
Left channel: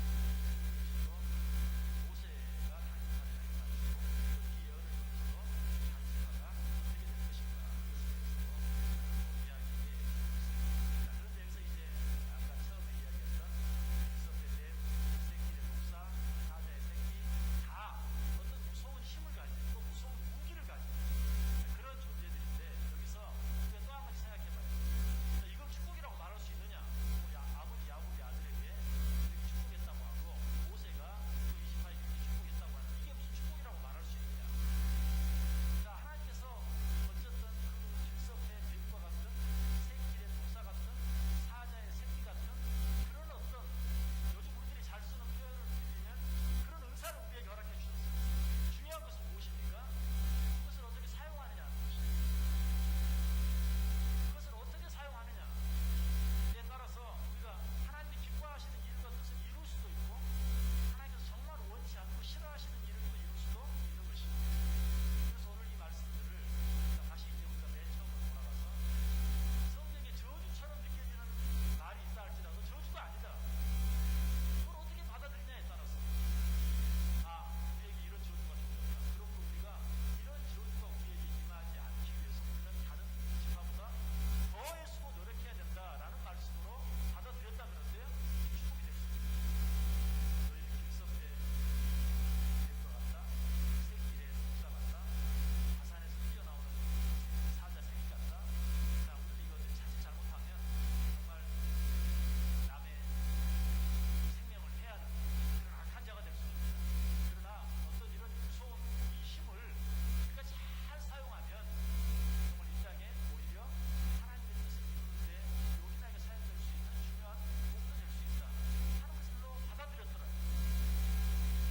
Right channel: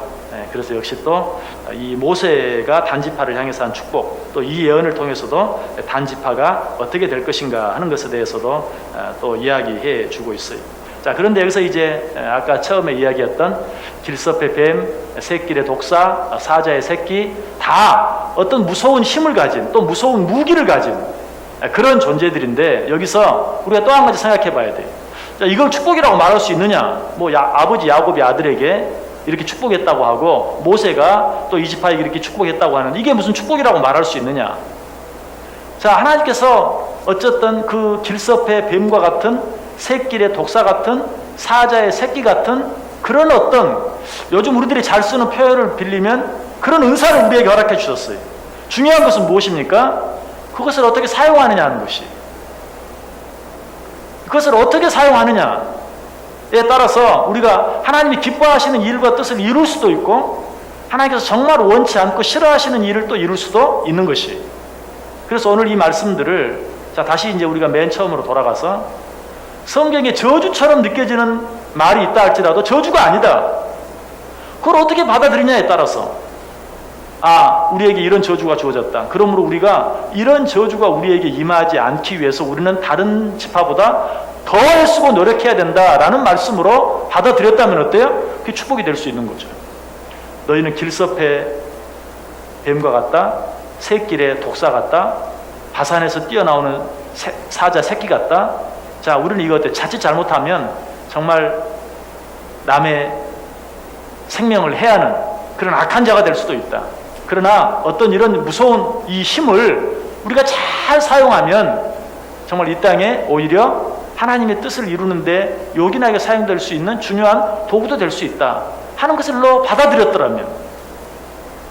그래서 역시 또 이 모세가 단지파를 향해서 한 축복, 또 이 예언을 통해서도 단지파가 어떻게 될 것인가 하는 것에 대해서도 또 이야기해 주고 있어요. 자, 그런데 여기서 이제 아까 처음에 이야기했던 길섭의 뱀, 새끼의 독사, 사자의 새끼, 다 어떤 무서운 힘을 가진, 또 무서운 무기를 가진 그런 존재들인데, 여기서 우리가 또 한 가지 생각해 봐야 돼요. 자, 이걸 축복이라고 말할 수 있느냐? 뭐 아버지 야곱이 아들에게 이렇게 축복했다고 하고 모세가 또 이지파에게 이렇게 축복했다고 하는, 이게 무슨 축복이라고 말할 수 있느냐? 자, 하나님께서 어쨌든 그 길섭의 뱀과 같은, 새끼의 독사 같은, 사자의 새끼 같은 그런 어떤, 요즘 우리들이 잘 쓰는 표현을 빌리면 그런 은사를 우리에게 허락해 주셨어요. 중요한 것은 무엇입니까? 그것을 어떻게 사용하느냐 하는 것이. 그것을 어떻게 사용하느냐에 따라서 우리가 하나님이 기뻐하시는 일과 뜻을 이룰 수도 있고 하나님께서 정말 원치 않고 싫어하시는 일을 또 이룰 수도 있는 것이. 그래서 오늘 이 말씀들을 다시 이제 우리가 맨 처음으로 돌아가서 성경에 저주처럼 느껴지는 말이 있다 할지라도 저주가 아니다. 그걸 어떻게 받아들이냐에 따라서 우리에게 이런 저주가 주어졌다. 그러므로 우리가 이런 저주가 우리에게 임하지 않기 위해서 우리는 다른 지파보다 더 애쓰고 노력해야 된다라는 말씀으로 받아들였다면 어때요? 그게 축복이 될 수 있는 거죠. 너희는 길섭의 뱀과 같다. 새길의 독사 같다. 바산에서 뛰어나오는 사자 새끼 같다. 자, 우리는 이거 어때? 자칫 잘못하면 정말 남의 생명을 해하는 그런 악한 자가 될 수도 있다. 그러나 어떤 이런 무서운 이 힘을 우리가 잘 사용하면 정말 이 땅에 오히려 하나님의 뜻을 이루는데 요긴하게 사용될 수 있는 중요한 도구도 될 수 있다 하는 것을로 받아들였더라면,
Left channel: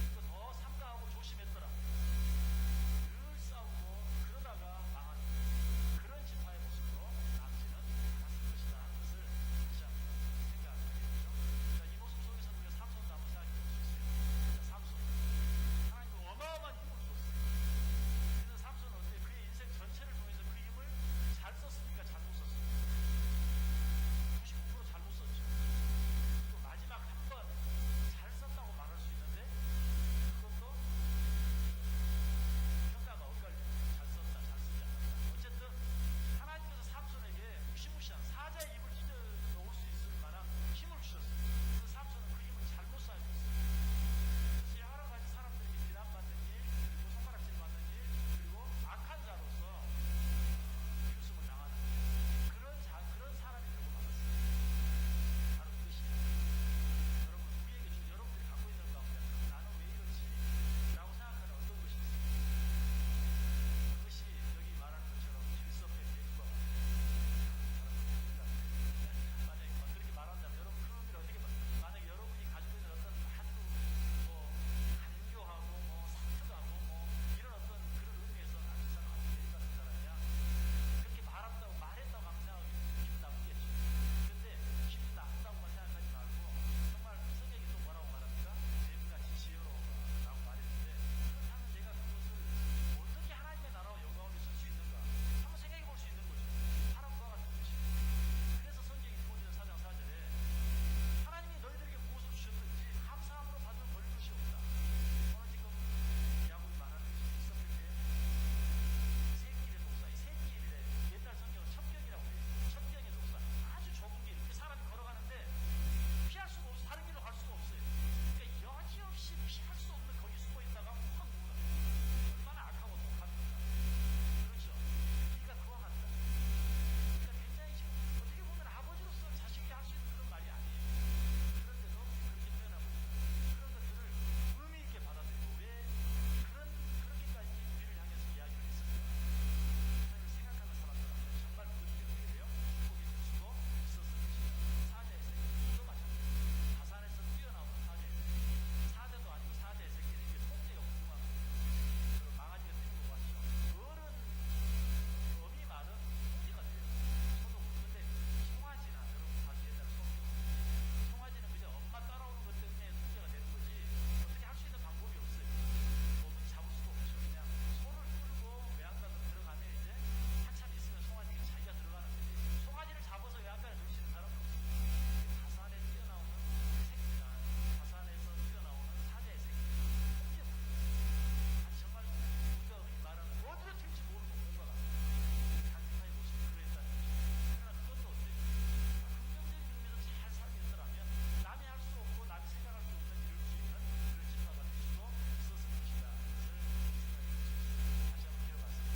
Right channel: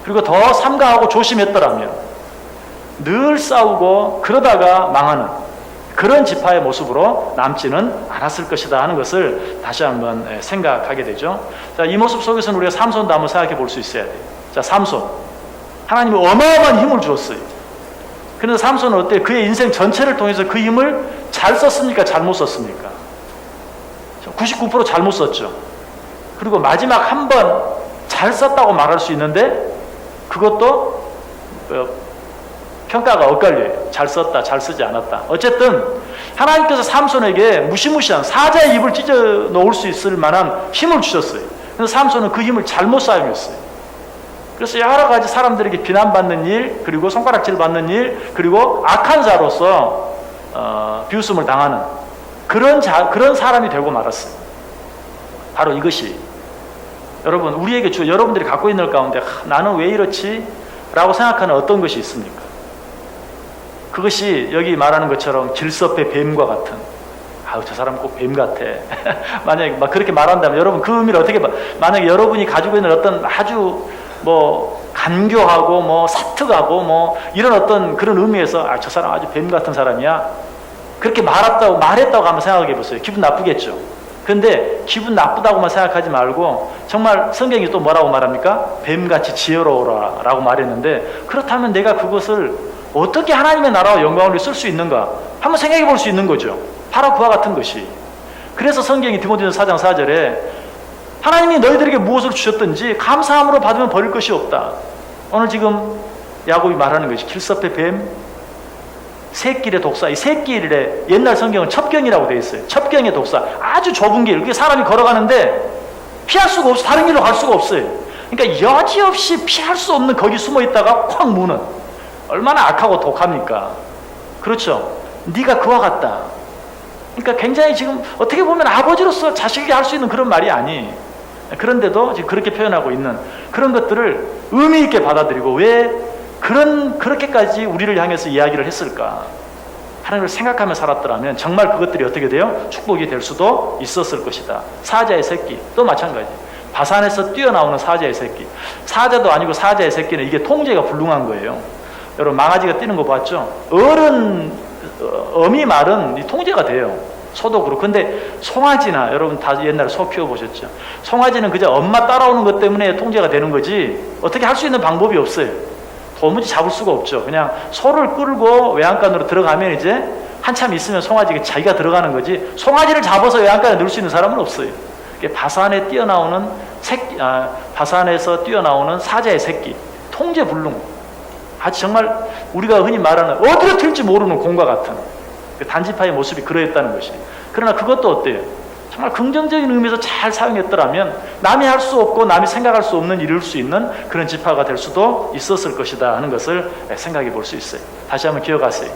그리고 더 삼가하고 조심했더라면 늘 싸우고 그러다가 망하는 그런 지파의 모습으로 남지는 않았을 것이다 하는 것을 다시 한번 생각하게 되죠. 자, 이 모습 속에서는 우리가 삼손도 한번 생각해 볼 수 있어야 돼요. 자, 삼손. 하나님이 어마어마한 힘을 주었어요. 그래서 삼손은 어때요? 그의 인생 전체를 통해서 그 힘을 잘 썼습니까? 잘못 썼습니까? 99% 잘못 썼죠. 그리고 마지막 한 번 잘 썼다고 말할 수 있는데 그것도 평가가 엇갈려요. 잘 썼다, 잘 쓰지 않았다. 어쨌든 하나님께서 삼손에게 무시무시한 사자의 입을 찢어 놓을 수 있을 만한 힘을 주셨어요. 그래서 삼손은 그 힘을 잘못 사용했어요. 그래서 여러 가지 사람들에게 비난받는 일, 그리고 손가락질 받는 일, 그리고 악한 자로서 비웃음을 당하는 그런 사람이 되고 말았어요. 바로 이것이 여러분 우리에게 여러분들이 갖고 있는 가운데 나는 왜 이렇지? 라고 생각하는 어떤 것이 있습니까? 그것이 여기 말하는 것처럼 길섭의 뱀과 같은, 저 사람 꼭 뱀 같아. 만약에 막 그렇게 말한다면 여러분 그 의미를 어떻게 만약에 여러분이 가지고 있는 어떤 아주 간교하고 사특하고 이런 어떤 그런 의미에서 저 사람 아주 뱀 같은 사람이야, 그렇게 말했다고 한번 생각해 보세요. 기분 나쁘겠죠. 그런데 기분 나쁘다고만 생각하지 말고 정말 성경이 또 뭐라고 말합니까? 뱀같이 지혜로워라 라고 말했는데, 그렇다면 내가 그것을 어떻게 하나님의 나라와 영광을 위해 쓸 수 있는가 한번 생각해 볼 수 있는 거죠. 바로 그와 같은 것이. 그래서 성경이 디모데전서 4장 4절에 하나님이 너희들에게 무엇을 주셨든지 감사함으로 받으면 버릴 것이 없다. 오늘 지금 야곱이 말하는 것이 길섭의 뱀, 새길의 독사. 이 새길에 옛날 성경은 첩경이라고 되어 있어요. 첩경의 독사. 아주 좁은 길. 그게 사람이 걸어가는데 피할 수가 없어. 다른 길로 갈 수가 없어요. 그러니까 여지없이 피할 수 없는 거기 숨어 있다가 콱 무는. 얼마나 악하고 독합니까? 그렇죠. 네가 그와 같다. 그러니까 굉장히 지금 어떻게 보면 아버지로서 자식에게 할 수 있는 그런 말이 아니. 그런데도 지금 그렇게 표현하고 있는 그런 것들을 의미 있게 받아들이고 왜 그렇게까지 우리를 향해서 이야기를 했을까 하는 걸 생각하며 살았더라면 정말 그것들이 어떻게 돼요? 축복이 될 수도 있었을 것이다. 사자의 새끼 또 마찬가지. 바산에서 뛰어나오는 사자의 새끼. 사자도 아니고 사자의 새끼는 이게 통제가 불능한 거예요. 여러분 망아지가 뛰는 거 봤죠? 어미 말은 이 통제가 돼요. 소도 그렇고. 근데 송아지나 여러분 다 옛날에 소 키워보셨죠? 송아지는 그저 엄마 따라오는 것 때문에 통제가 되는 거지 어떻게 할 수 있는 방법이 없어요. 도무지 잡을 수가 없죠. 그냥 소를 끌고 외양간으로 들어가면 이제 한참 있으면 송아지가 자기가 들어가는 거지 송아지를 잡아서 외양간에 넣을 수 있는 사람은 없어요. 바산에 뛰어나오는 바산에서 뛰어나오는 사자의 새끼, 통제불능. 아주 정말 우리가 흔히 말하는 어디로 튈지 모르는 공과 같은 그 단지파의 모습이 그러했다는 것이. 그러나 그것도 어때요? 정말 긍정적인 의미에서 잘 사용했더라면 남이 할 수 없고 남이 생각할 수 없는 일을 수 있는 그런 지파가 될 수도 있었을 것이다 하는 것을 생각해 볼 수 있어요. 다시 한번 기억하세요.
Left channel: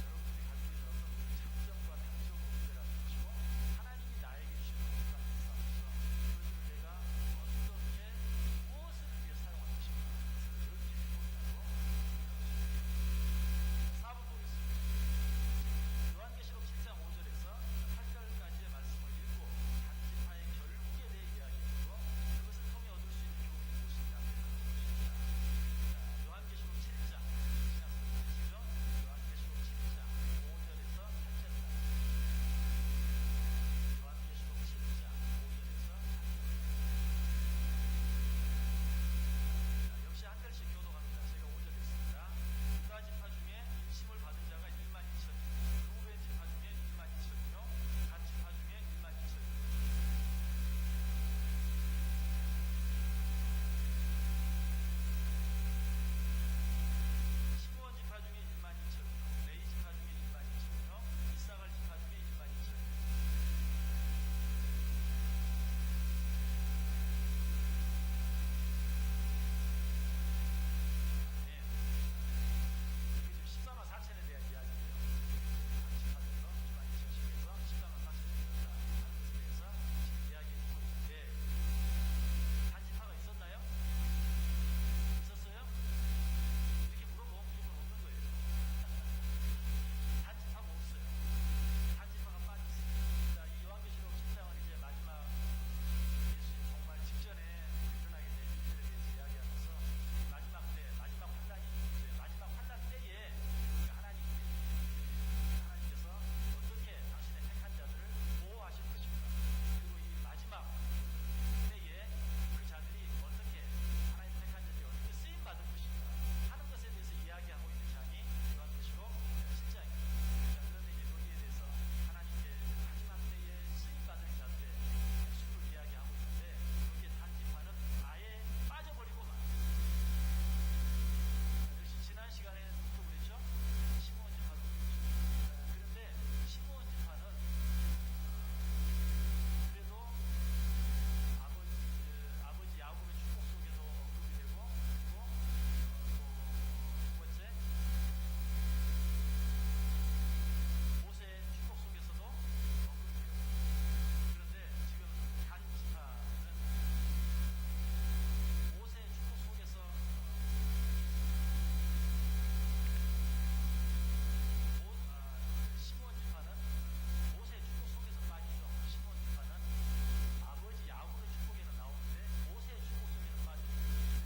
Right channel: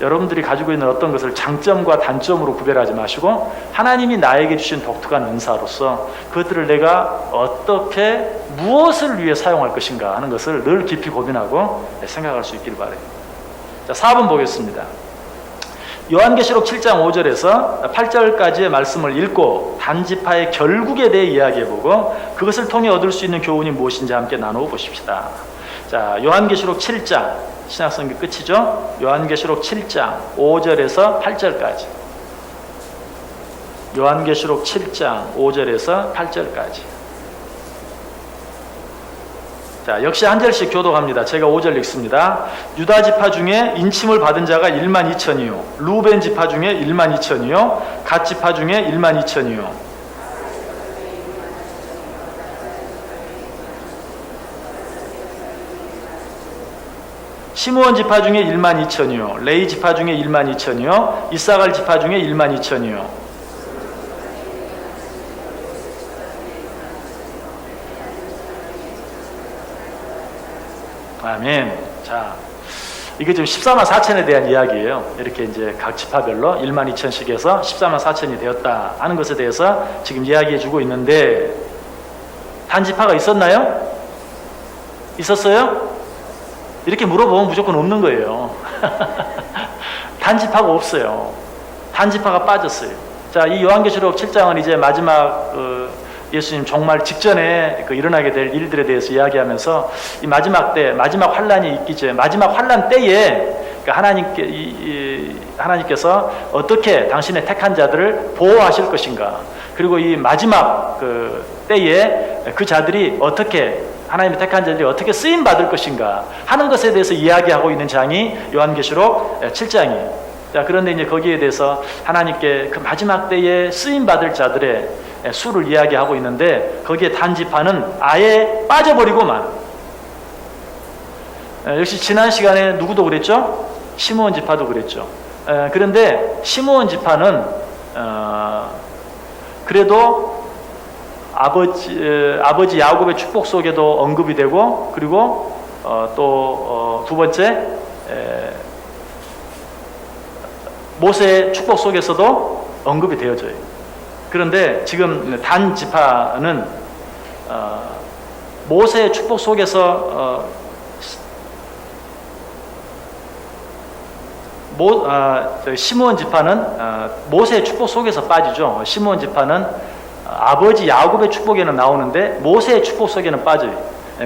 여러분들이 가지고 있는 어떤 것을 장점과 단점으로 구별하지 마시고 하나님이 나에게 주신 독특한 은사로서 그것들을 내가 어떻게 무엇을 위해 사용할 것인가 하는 것을 늘 깊이 고민하고 생각할 수 있기를 바라요. 자, 4번 보겠습니다. 요한계시록 7장 5절에서 8절까지의 말씀을 읽고 단지파의 결국에 대해 이야기해보고 그것을 통해 얻을 수 있는 교훈이 무엇인지 함께 나누어 보십시다. 자, 요한계시록 7장 신약성경 끝이죠. 요한계시록 7장 5절에서 8절까지. 요한계시록 7장 5절에서 8절까지. 자, 역시 한 절씩 교독합니다. 제가 5절 읽습니다. 유다 지파 중에 인침을 받은 자가 1만 2천이요. 루벤 지파 중에 1만 2천이요. 갓 지파 중에 1만 2천이요. 시므온 지파 중에 1만 2천이요. 레위 지파 중에 1만 2천이요. 이사갈 지파 중에 1만 2천이요. 아멘. 자, 이게 지금 14만 4천에 대한 이야기예요. 이렇게 이제 각 지파별로 1만 2천씩에서 14만 4천이 되었다 하는 것에 대해서 지금 이야기해 주고 있는데, 단지파가 있었나요? 있었어요? 이렇게 물어보면 무조건 없는 거예요. 단지파가 없어요. 단지파가 빠졌어요. 자, 이 요한계시록 7장은 이제 마지막 예수님 종말 직전에 일어나게 될 일들에 대해서 이야기하면서 이 마지막 때, 마지막 환란이 있기 전에, 마지막 환란 때에 하나님께서 어떻게 당신의 택한 자들을 보호하실 것인가, 그리고 이 마지막 때에 그 자들이 어떻게, 하나님의 택한 자들이 어떻게 쓰임 받을 것인가 하는 것에 대해서 이야기하고 있는 장이 요한계시록 7장이에요. 자, 그런데 이제 거기에 대해서 하나님께 그 마지막 때에 쓰임 받을 자들의 수를 이야기하고 있는데, 거기에 단지파는 아예 빠져버리고만. 역시 지난 시간에 누구도 그랬죠? 시므온 지파도 그랬죠. 그런데 시므온 지파는 그래도 아버지 야곱의 축복 속에도 언급이 되고, 그리고 또 두 번째 모세의 축복 속에서도 언급이 되어져요. 그런데 지금 단 지파는 모세의 축복 속에서 시므온 지파는 모세의 축복 속에서 빠지죠. 시므온 지파는 아버지 야곱의 축복에는 나오는데 모세의 축복 속에는 빠져요.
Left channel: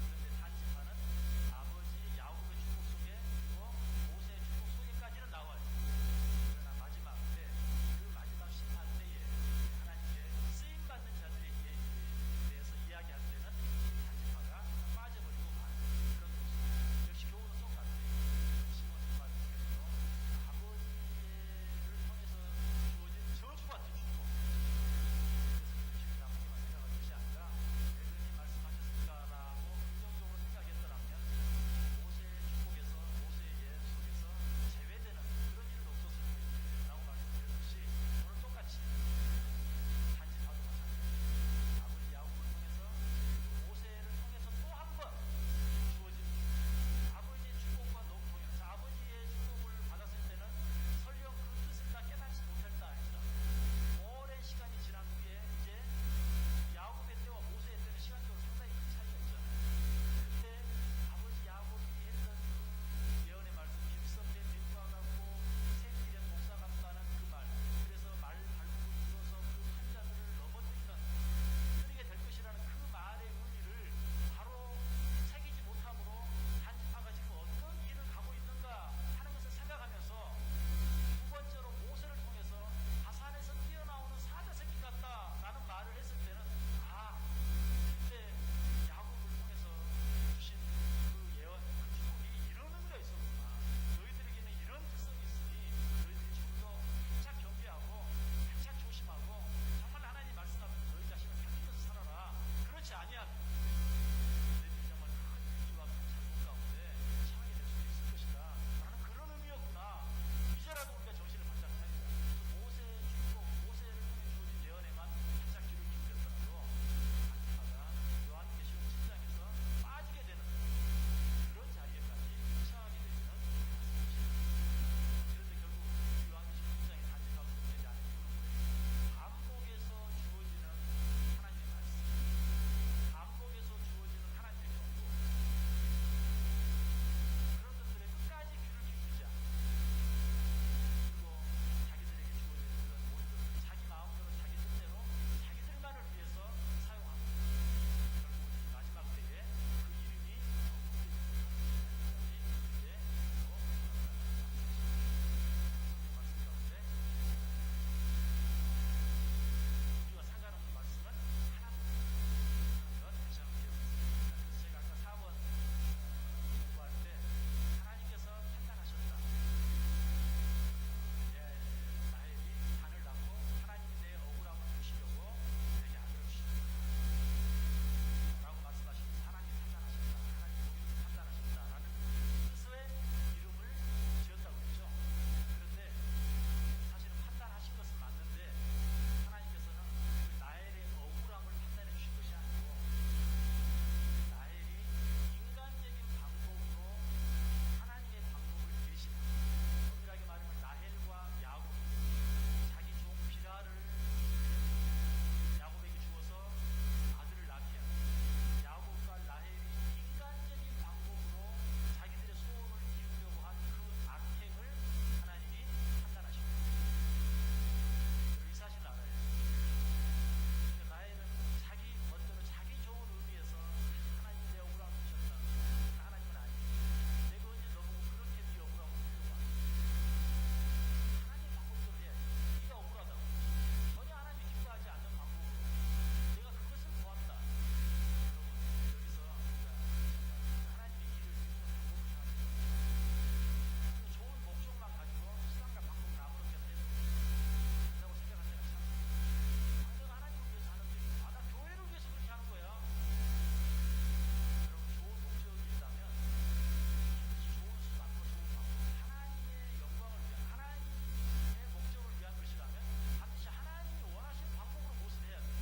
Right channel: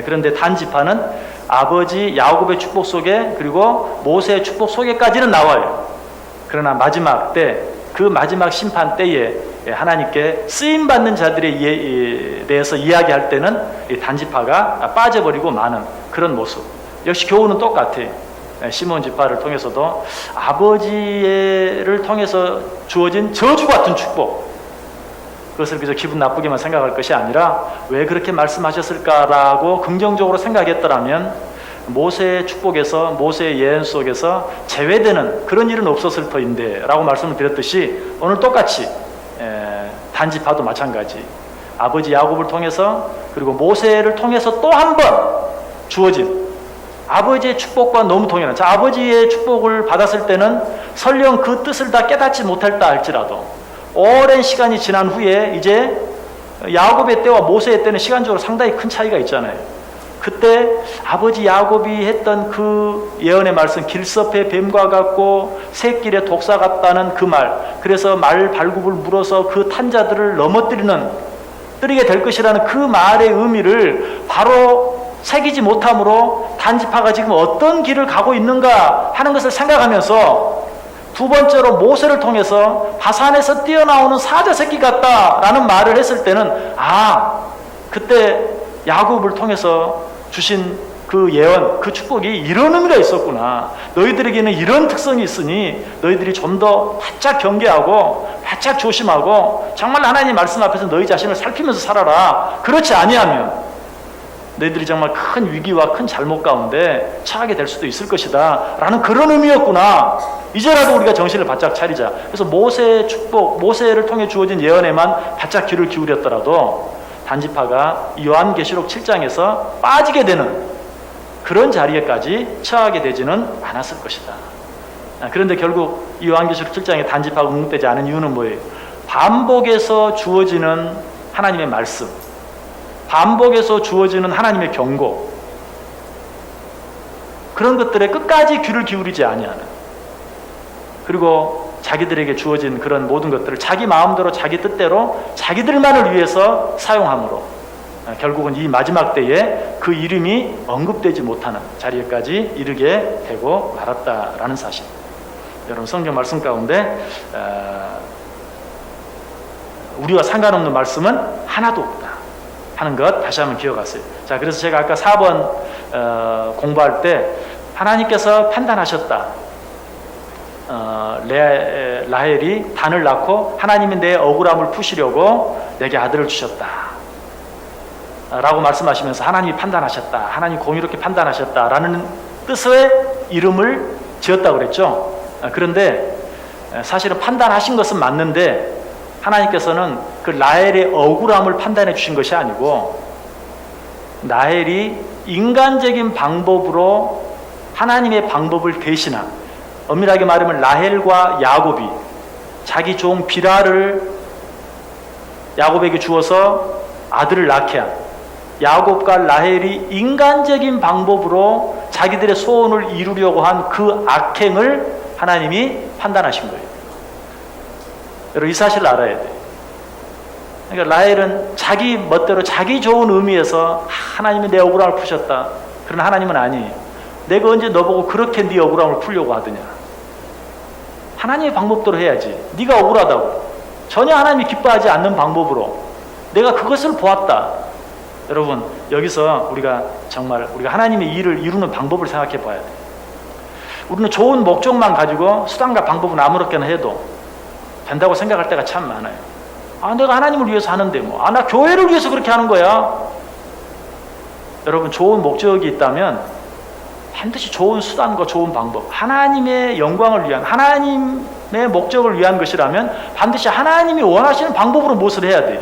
그런데 단 지파는 아버지 야곱의 축복 속에, 그리고 모세의 축복 속에까지는 나와요. 그러나 마지막 때, 그 마지막 심판 때에 하나님께 쓰임받는 자들에 대해서 이야기할 때는 이 단지파가 빠져버리고 마는 그런 모습. 역시 교훈은 똑같아요. 시므온 지파를 통해서도 아버지를 통해서 주어진 저주 같은 축복, 그것을 그저 기분 나쁘게만 생각할 것이 아니라 왜 그렇게 말씀하셨을까라고 긍정적으로 생각했더라면 모세의 축복에서, 모세의 예언 속에서 제외되는 그런 일은 없었을 터인데 라고 말씀을 드렸듯이, 오늘 똑같이 단지파도 마찬가지, 아버지 야곱을 통해서, 그리고 모세를 통해서 또 한 번 주어진 아버지의 축복과 너무 동일한, 자, 아버지의 축복을 받았을 때는 설령 그 뜻을 다 깨닫지 못했다 할지라도 오랜 시간이 지난 후에 이제 야곱의 때와 모세의 때는 시간적으로 상당히 큰 차이가 있잖아요. 그때 아버지 야곱이 했던 그 예언의 말씀, 길섭의 뱀과 같고 새길의 독사 같다는 그 말, 그래서 말 발굽을 물어서 그 탄자들을 뜨리게 될 것이라는 그 말의 의미를 바로 새기지 못함으로 단지파가 지금 어떤 길을 가고 있는가 하는 것을 생각하면서, 두 번째로 모세를 통해서 바산에서 뛰어나오는 사자 새끼 같다라는 말을 했을 때는, 그때 야곱을 통해서 주신 그 예언, 그 축복이 이런 의미가 있었구나, 너희들에게는 이런 특성이 있으니 너희들이 좀 더 바짝 경계하고 바짝 조심하고 정말 하나님 말씀 앞에서 너희 자신을 살피면서 살아라. 그렇지 아니하면 너희들이 정말 큰 위기와 큰 잘못 가운데 처하게 될 수도 있을 것이다 라는 그런 의미였구나. 이제라도 우리가 정신을 바짝 차리자. 그래서 모세의 축복, 모세를 통해 주어진 예언에만 바짝 귀를 기울였더라도 단지파가 요한계시록 7장에서 빠지게 되는 그런 자리에까지 처하게 되지는 않았을 것이다. 그런데 결국 이 요한계시록 7장에 단지파가 응답되지 않은 이유는 뭐예요? 반복해서 주어지는 하나님의 말씀, 반복해서 주어지는 하나님의 경고, 그런 것들에 끝까지 귀를 기울이지 아니하는, 그리고 자기들에게 주어진 그런 모든 것들을 자기 마음대로, 자기 뜻대로, 자기들만을 위해서 사용함으로, 결국은 이 마지막 때에 그 이름이 언급되지 못하는 자리에까지 이르게 되고 말았다라는 사실. 여러분 성경 말씀 가운데 우리와 상관없는 말씀은 하나도 없다 하는 것 다시 한번 기억하세요. 자, 그래서 제가 아까 4번 공부할 때 하나님께서 판단하셨다. 라헬이 단을 낳고 하나님이 내 억울함을 푸시려고 내게 아들을 주셨다 라고 말씀하시면서 하나님이 판단하셨다, 하나님 공의롭게 판단하셨다 라는 뜻의 이름을 지었다고 그랬죠. 그런데 사실은 판단하신 것은 맞는데 하나님께서는 그 라헬의 억울함을 판단해 주신 것이 아니고 라헬이 인간적인 방법으로 하나님의 방법을 대신한, 엄밀하게 말하면 라헬과 야곱이 자기 종 비라를 야곱에게 주어서 아들을 낳게 한, 야곱과 라헬이 인간적인 방법으로 자기들의 소원을 이루려고 한 그 악행을 하나님이 판단하신 거예요. 여러분 이 사실을 알아야 돼요. 그러니까 라헬은 자기 멋대로 자기 좋은 의미에서 하나님이 내 억울함을 푸셨다. 그러나 하나님은 아니에요. 내가 언제 너보고 그렇게 네 억울함을 풀려고 하더냐. 하나님의 방법대로 해야지. 네가 억울하다고 전혀 하나님이 기뻐하지 않는 방법으로 내가 그것을 보았다. 여러분 여기서 우리가 하나님의 일을 이루는 방법을 생각해 봐야 돼요. 우리는 좋은 목적만 가지고 수단과 방법은 아무렇게나 해도 된다고 생각할 때가 참 많아요. 내가 하나님을 위해서 하는데 나 교회를 위해서 그렇게 하는 거야. 여러분 좋은 목적이 있다면 반드시 좋은 수단과 좋은 방법, 하나님의 영광을 위한, 하나님의 목적을 위한 것이라면 반드시 하나님이 원하시는 방법으로 무엇을 해야 돼요.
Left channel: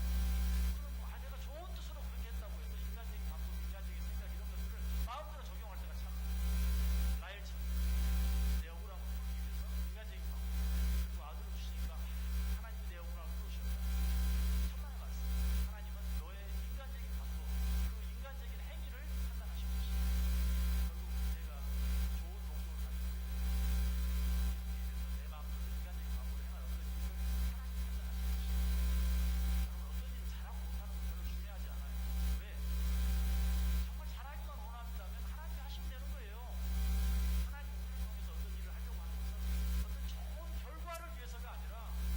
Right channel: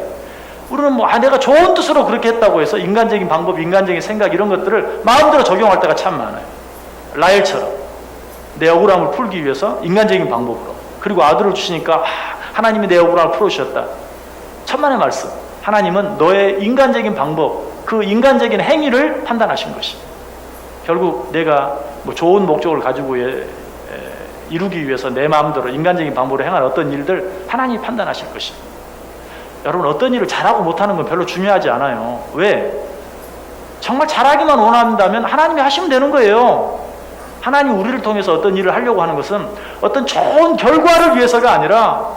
우리는 내가 좋은 뜻으로 그렇게 했다고 해서 인간적인 방법, 인간적인 생각 이런 것들을 마음대로 적용할 때가 참 많아요. 라헬처럼 내 억울함을 풀기 위해서 인간적인 방법으로, 그리고 아들을 주시니까 하나님이 내 억울함을 풀어주셨다. 천만의 말씀. 하나님은 너의 인간적인 방법, 그 인간적인 행위를 판단하신 것이. 결국 내가 좋은 목적을 가지고 이루기 위해서 내 마음대로 인간적인 방법으로 행한 어떤 일들 하나님이 판단하실 것입니다. 여러분 어떤 일을 잘하고 못하는 건 별로 중요하지 않아요. 왜? 정말 잘하기만 원한다면 하나님이 하시면 되는 거예요. 하나님이 우리를 통해서 어떤 일을 하려고 하는 것은 어떤 좋은 결과를 위해서가 아니라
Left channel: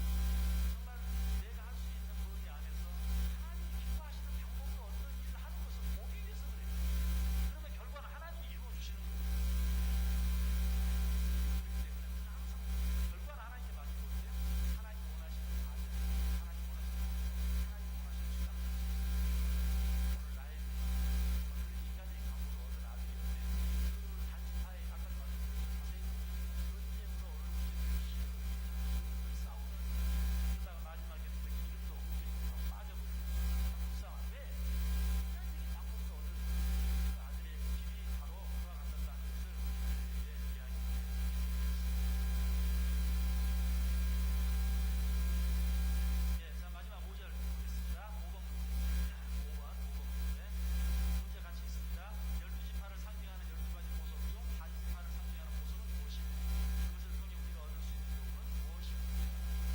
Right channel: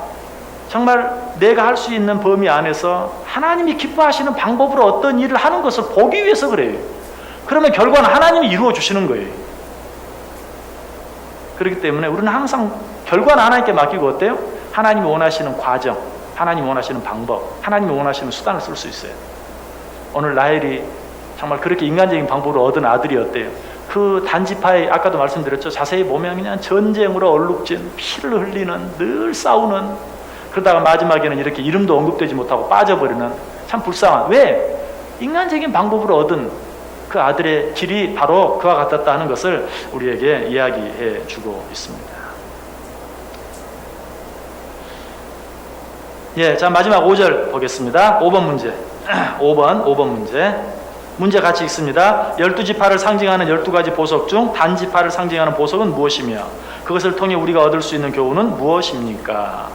정말 내가 할 수 있는 범위 안에서 하나님이 기뻐하시는 방법으로 어떤 일을 하는 것을 보기 위해서 그래요. 그러면 결과는 하나님이 이루어 주시는 거예요. 그렇기 때문에 우리는 항상 결과는 하나님께 맡기고 어때요? 하나님이 원하시는 과정, 하나님이 원하시는 방법, 하나님이 원하시는 수단을 쓸 수 있어요. 오늘 라헬이 정말 그렇게 인간적인 방법으로 얻은 아들이 어때요? 그 단지파에 아까도 말씀드렸죠. 자세히 보면 그냥 전쟁으로 얼룩진, 피를 흘리는, 늘 싸우는, 그러다가 마지막에는 이렇게 이름도 언급되지 못하고 빠져버리는 참 불쌍한, 왜? 인간적인 방법으로 얻은 그 아들의 길이 바로 그와 같았다 하는 것을 우리에게 이야기해 주고 있습니다. 자 마지막 5절 보겠습니다. 5번 문제. 5번 문제. 문제 같이 읽습니다. 12지파를 상징하는 12가지 보석 중 단지파를 상징하는 보석은 무엇이며 그것을 통해 우리가 얻을 수 있는 교훈은 무엇입니까?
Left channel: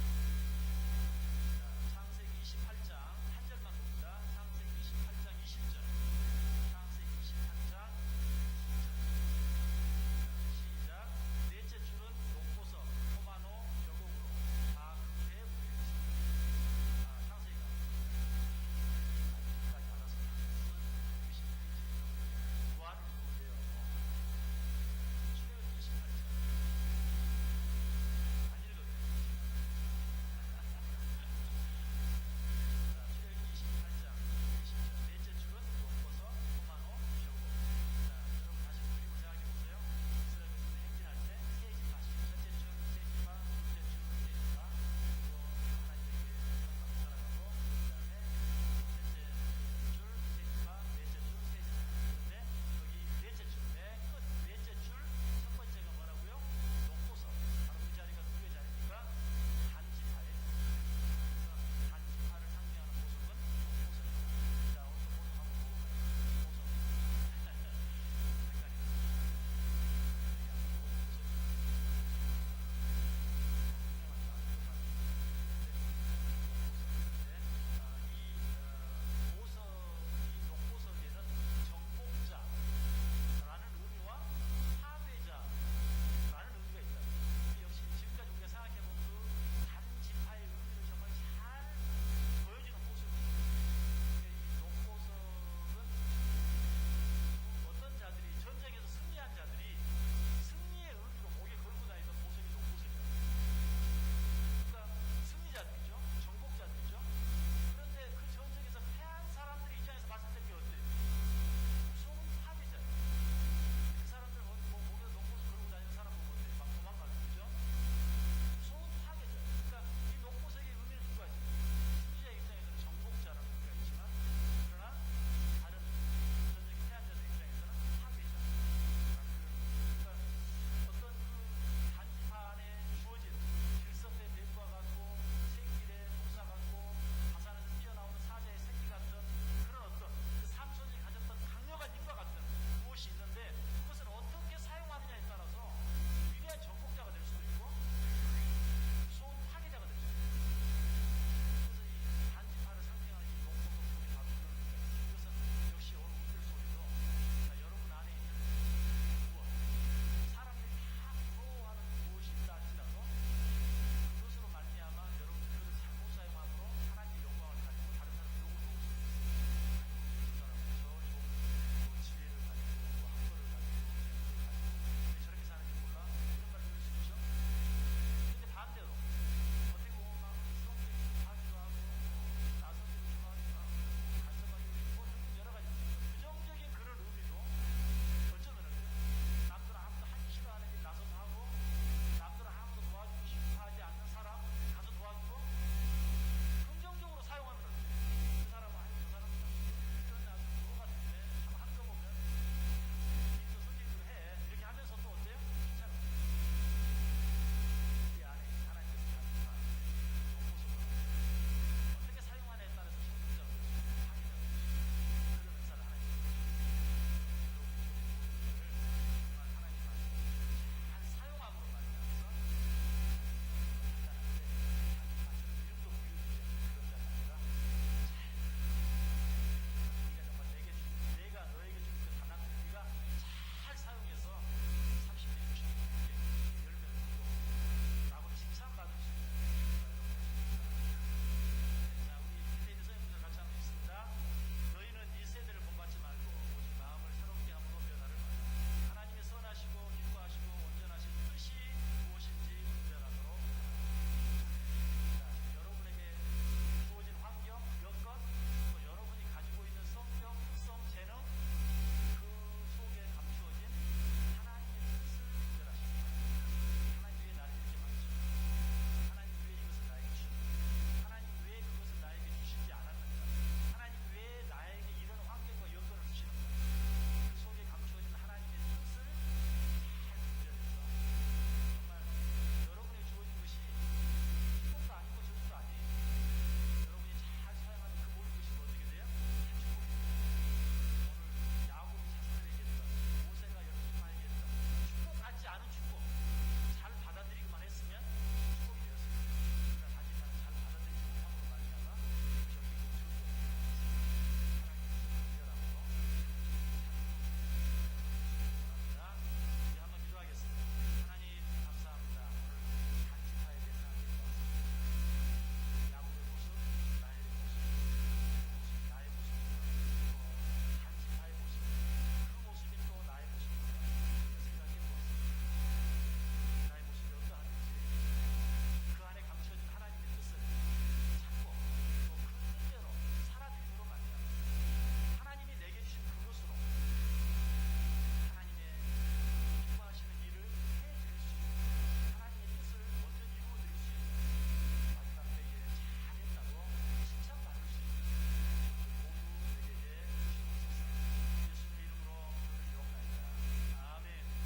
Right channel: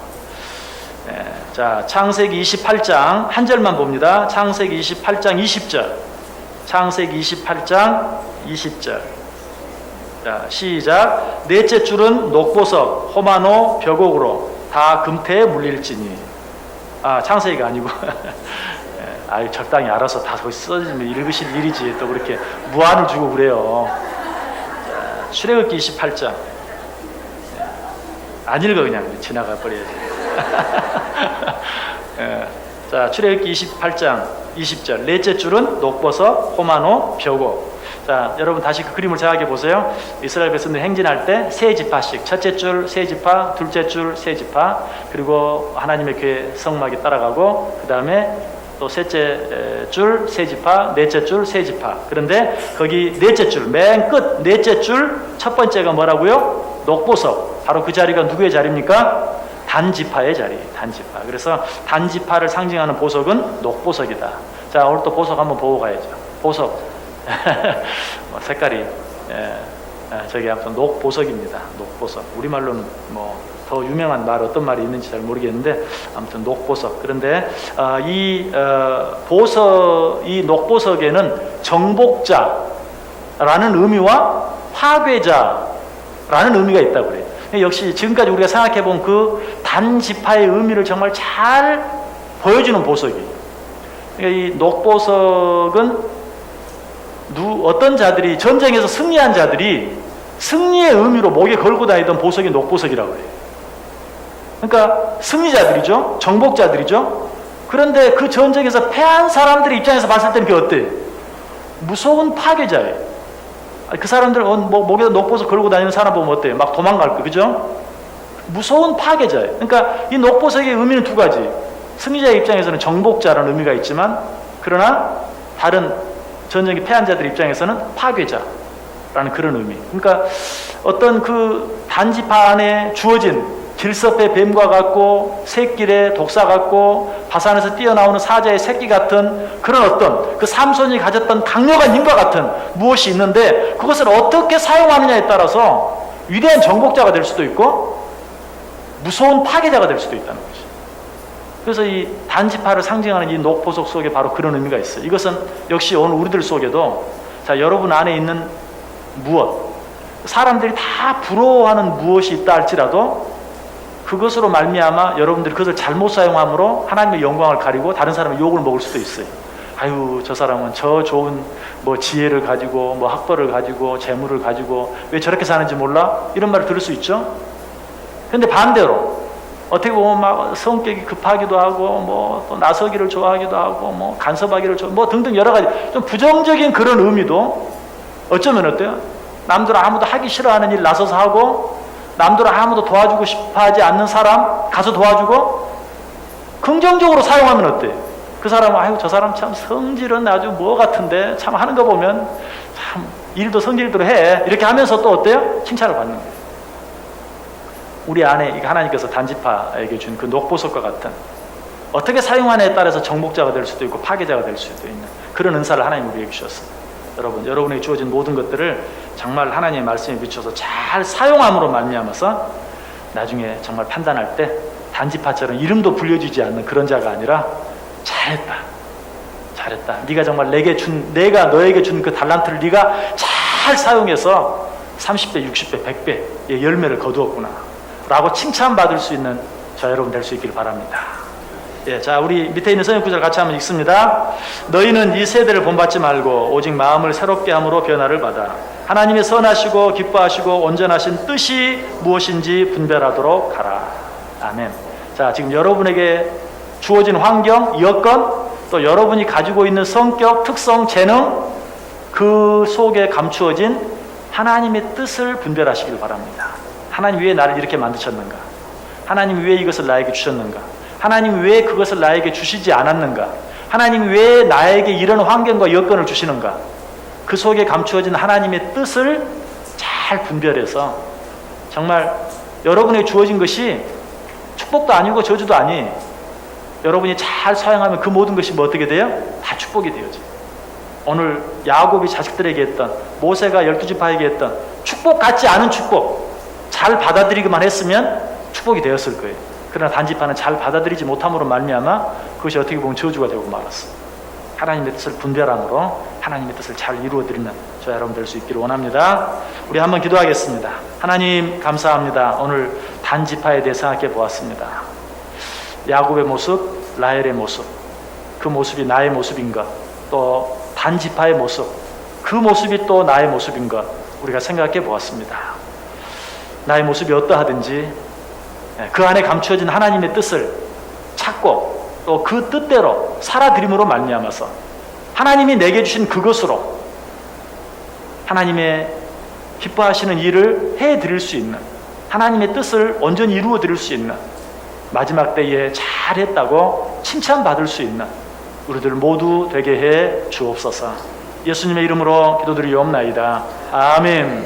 자, 창세기 28장 한 절만 봅니다. 창세기 28장 20절. 창세기 28장 20절. 자, 시작. 넷째 줄은 녹보석, 호마노, 벽옥으로 다 금태에 물릴지니. 창세기가 아니고 적당히 알아서 다 거기 써지면 읽으실 일이지 또 그렇게 무안을 주고 그래요. 자, 출애굽기 28장. 안 읽어 그냥 지나가 버려야지. 자, 출애굽기 28장 20절. 넷째 줄은 녹보석, 호마노, 벽옥. 자, 여러분 다시 그 그림을 생각해 보세요. 이스라엘 백성들 행진할 때 세 지파씩, 첫째 줄 세 지파, 둘째 줄 세 지파, 그리고 하나님의 교회 성막이 따라가고 그 다음에 또 셋째 줄 세 지파, 넷째 줄 세 지파. 그런데 거기 넷째 줄, 맨 끝 넷째 줄 첫 번째가 뭐라고요? 녹보석. 바로 그 자리가 누구의 자리입니까? 단지파의 자리, 단지파. 그래서 단지파를 상징하는 보석은 녹보석이다. 자, 오늘 또 보석 한번 보고 가야죠. 보석. 색깔이 저기 아무튼 녹보석입니다. 녹보석. 우리말로는 더 더 유명한 말 어떤 말이 있는지 잘 모르겠는데 아무튼 녹보석. 그런데 이 녹보석에는 정복자라는 의미와 파괴자라는 의미가 있다고 그래요. 역시 지금까지 우리가 생각해 본 그 단지파의 의미를 정말 잘 보여주는 보석이에요. 그러니까 이 녹보석은 어떤 자들이 전쟁에서 승리한 자들이 승리의 의미로 목에 걸고 다니던 보석이 녹보석이라고 해요. 그러니까 승리자들이죠. 정복자들이죠. 그런데 그 전쟁에서 패한 사람들의 입장에서 봤을 때는 그게 어때요? 무서운 파괴자예요. 그 사람들 목에 녹보석 걸고 다니는 사람 보면 어때요? 막 도망갈 거, 그죠? 무서운 파괴자예요. 그러니까 이 녹보석의 의미는 두 가지. 승리자의 입장에서는 정복자라는 의미가 있지만, 그러나 다른 전쟁에 패한 자들 입장에서는 파괴자라는 그런 의미. 그러니까 어떤 그 단지파 안에 주어진 길섭의 뱀과 같고 새끼의 독사 같고 바산에서 뛰어나오는 사자의 새끼 같은 그런 어떤 그 삼손이 가졌던 강력한 힘과 같은 무엇이 있는데, 그것을 어떻게 사용하느냐에 따라서 위대한 정복자가 될 수도 있고 무서운 파괴자가 될 수도 있다는 거죠. 그래서 이 단지파를 상징하는 이 녹보석 속에 바로 그런 의미가 있어요. 이것은 역시 오늘 우리들 속에도, 자, 여러분 안에 있는 무엇, 사람들이 다 부러워하는 무엇이 있다 할지라도 그것으로 말미암아 여러분들이 그것을 잘못 사용함으로 하나님의 영광을 가리고 다른 사람의 욕을 먹을 수도 있어요. 아유, 저 사람은 저 좋은 지혜를 가지고 학벌을 가지고 재물을 가지고 왜 저렇게 사는지 몰라? 이런 말을 들을 수 있죠. 그런데 반대로 어떻게 보면 막 성격이 급하기도 하고 또 나서기를 좋아하기도 하고 간섭하기를 등등 여러 가지 좀 부정적인 그런 의미도 어쩌면 어때요? 남들 아무도 하기 싫어하는 일 나서서 하고, 남들 아무도 도와주고 싶어 하지 않는 사람 가서 도와주고, 긍정적으로 사용하면 어때? 그 사람은 아유, 저 사람 참 성질은 아주 같은데 참 하는 거 보면 참 일도 성질대로 해, 이렇게 하면서 또 어때요? 칭찬을 받는 거예요. 우리 안에 하나님께서 단지파에게 준 그 녹보석과 같은, 어떻게 사용하느냐에 따라서 정복자가 될 수도 있고 파괴자가 될 수도 있는 그런 은사를 하나님 우리에게 주셨습니다. 여러분에게 주어진 모든 것들을 정말 하나님의 말씀에 비춰서 잘 사용함으로 말미암아서 나중에 정말 판단할 때 단지파처럼 이름도 불려지지 않는 그런 자가 아니라 잘했다. 네가 정말 내가 너에게 준 그 달란트를 네가 잘 사용해서 30배, 60배, 100배의 열매를 거두었구나 라고 칭찬받을 수 있는 저 여러분 될 수 있기를 바랍니다. 예, 자, 우리 밑에 있는 성경 구절 같이 한번 읽습니다. 너희는 이 세대를 본받지 말고 오직 마음을 새롭게 함으로 변화를 받아 하나님의 선하시고 기뻐하시고 온전하신 뜻이 무엇인지 분별하도록 하라. 아멘. 자, 지금 여러분에게 주어진 환경, 여건, 또 여러분이 가지고 있는 성격, 특성, 재능, 그 속에 감추어진 하나님의 뜻을 분별하시길 바랍니다. 하나님 왜 나를 이렇게 만드셨는가? 하나님 왜 이것을 나에게 주셨는가? 하나님 왜 그것을 나에게 주시지 않았는가? 하나님 왜 나에게 이런 환경과 여건을 주시는가? 그 속에 감추어진 하나님의 뜻을 잘 분별해서 정말 여러분에게 주어진 것이 축복도 아니고 저주도 아니, 여러분이 잘 사용하면 그 모든 것이 어떻게 돼요? 다 축복이 되어져. 오늘 야곱이 자식들에게 했던, 모세가 12지파에게 했던 축복 같지 않은 축복 잘 받아들이기만 했으면 축복이 되었을 거예요. 그러나 단지파는 잘 받아들이지 못함으로 말미암아 그것이 어떻게 보면 저주가 되고 말았어. 하나님의 뜻을 분별함으로 하나님의 뜻을 잘 이루어드리는 저 여러분 될 수 있기를 원합니다. 우리 한번 기도하겠습니다. 하나님 감사합니다. 오늘 단지파에 대해 생각해 보았습니다. 야곱의 모습, 라헬의 모습, 그 모습이 나의 모습인 것, 또 단지파의 모습, 그 모습이 또 나의 모습인 것 우리가 생각해 보았습니다. 나의 모습이 어떠하든지 그 안에 감추어진 하나님의 뜻을 찾고 또 그 뜻대로 살아들임으로 말미암아서 하나님이 내게 주신 그것으로 하나님의 기뻐하시는 일을 해드릴 수 있는, 하나님의 뜻을 온전히 이루어 드릴 수 있는, 마지막 때에 잘했다고 칭찬받을 수 있는 우리들 모두 되게 해 주옵소서. 예수님의 이름으로 기도드리옵나이다. 아멘.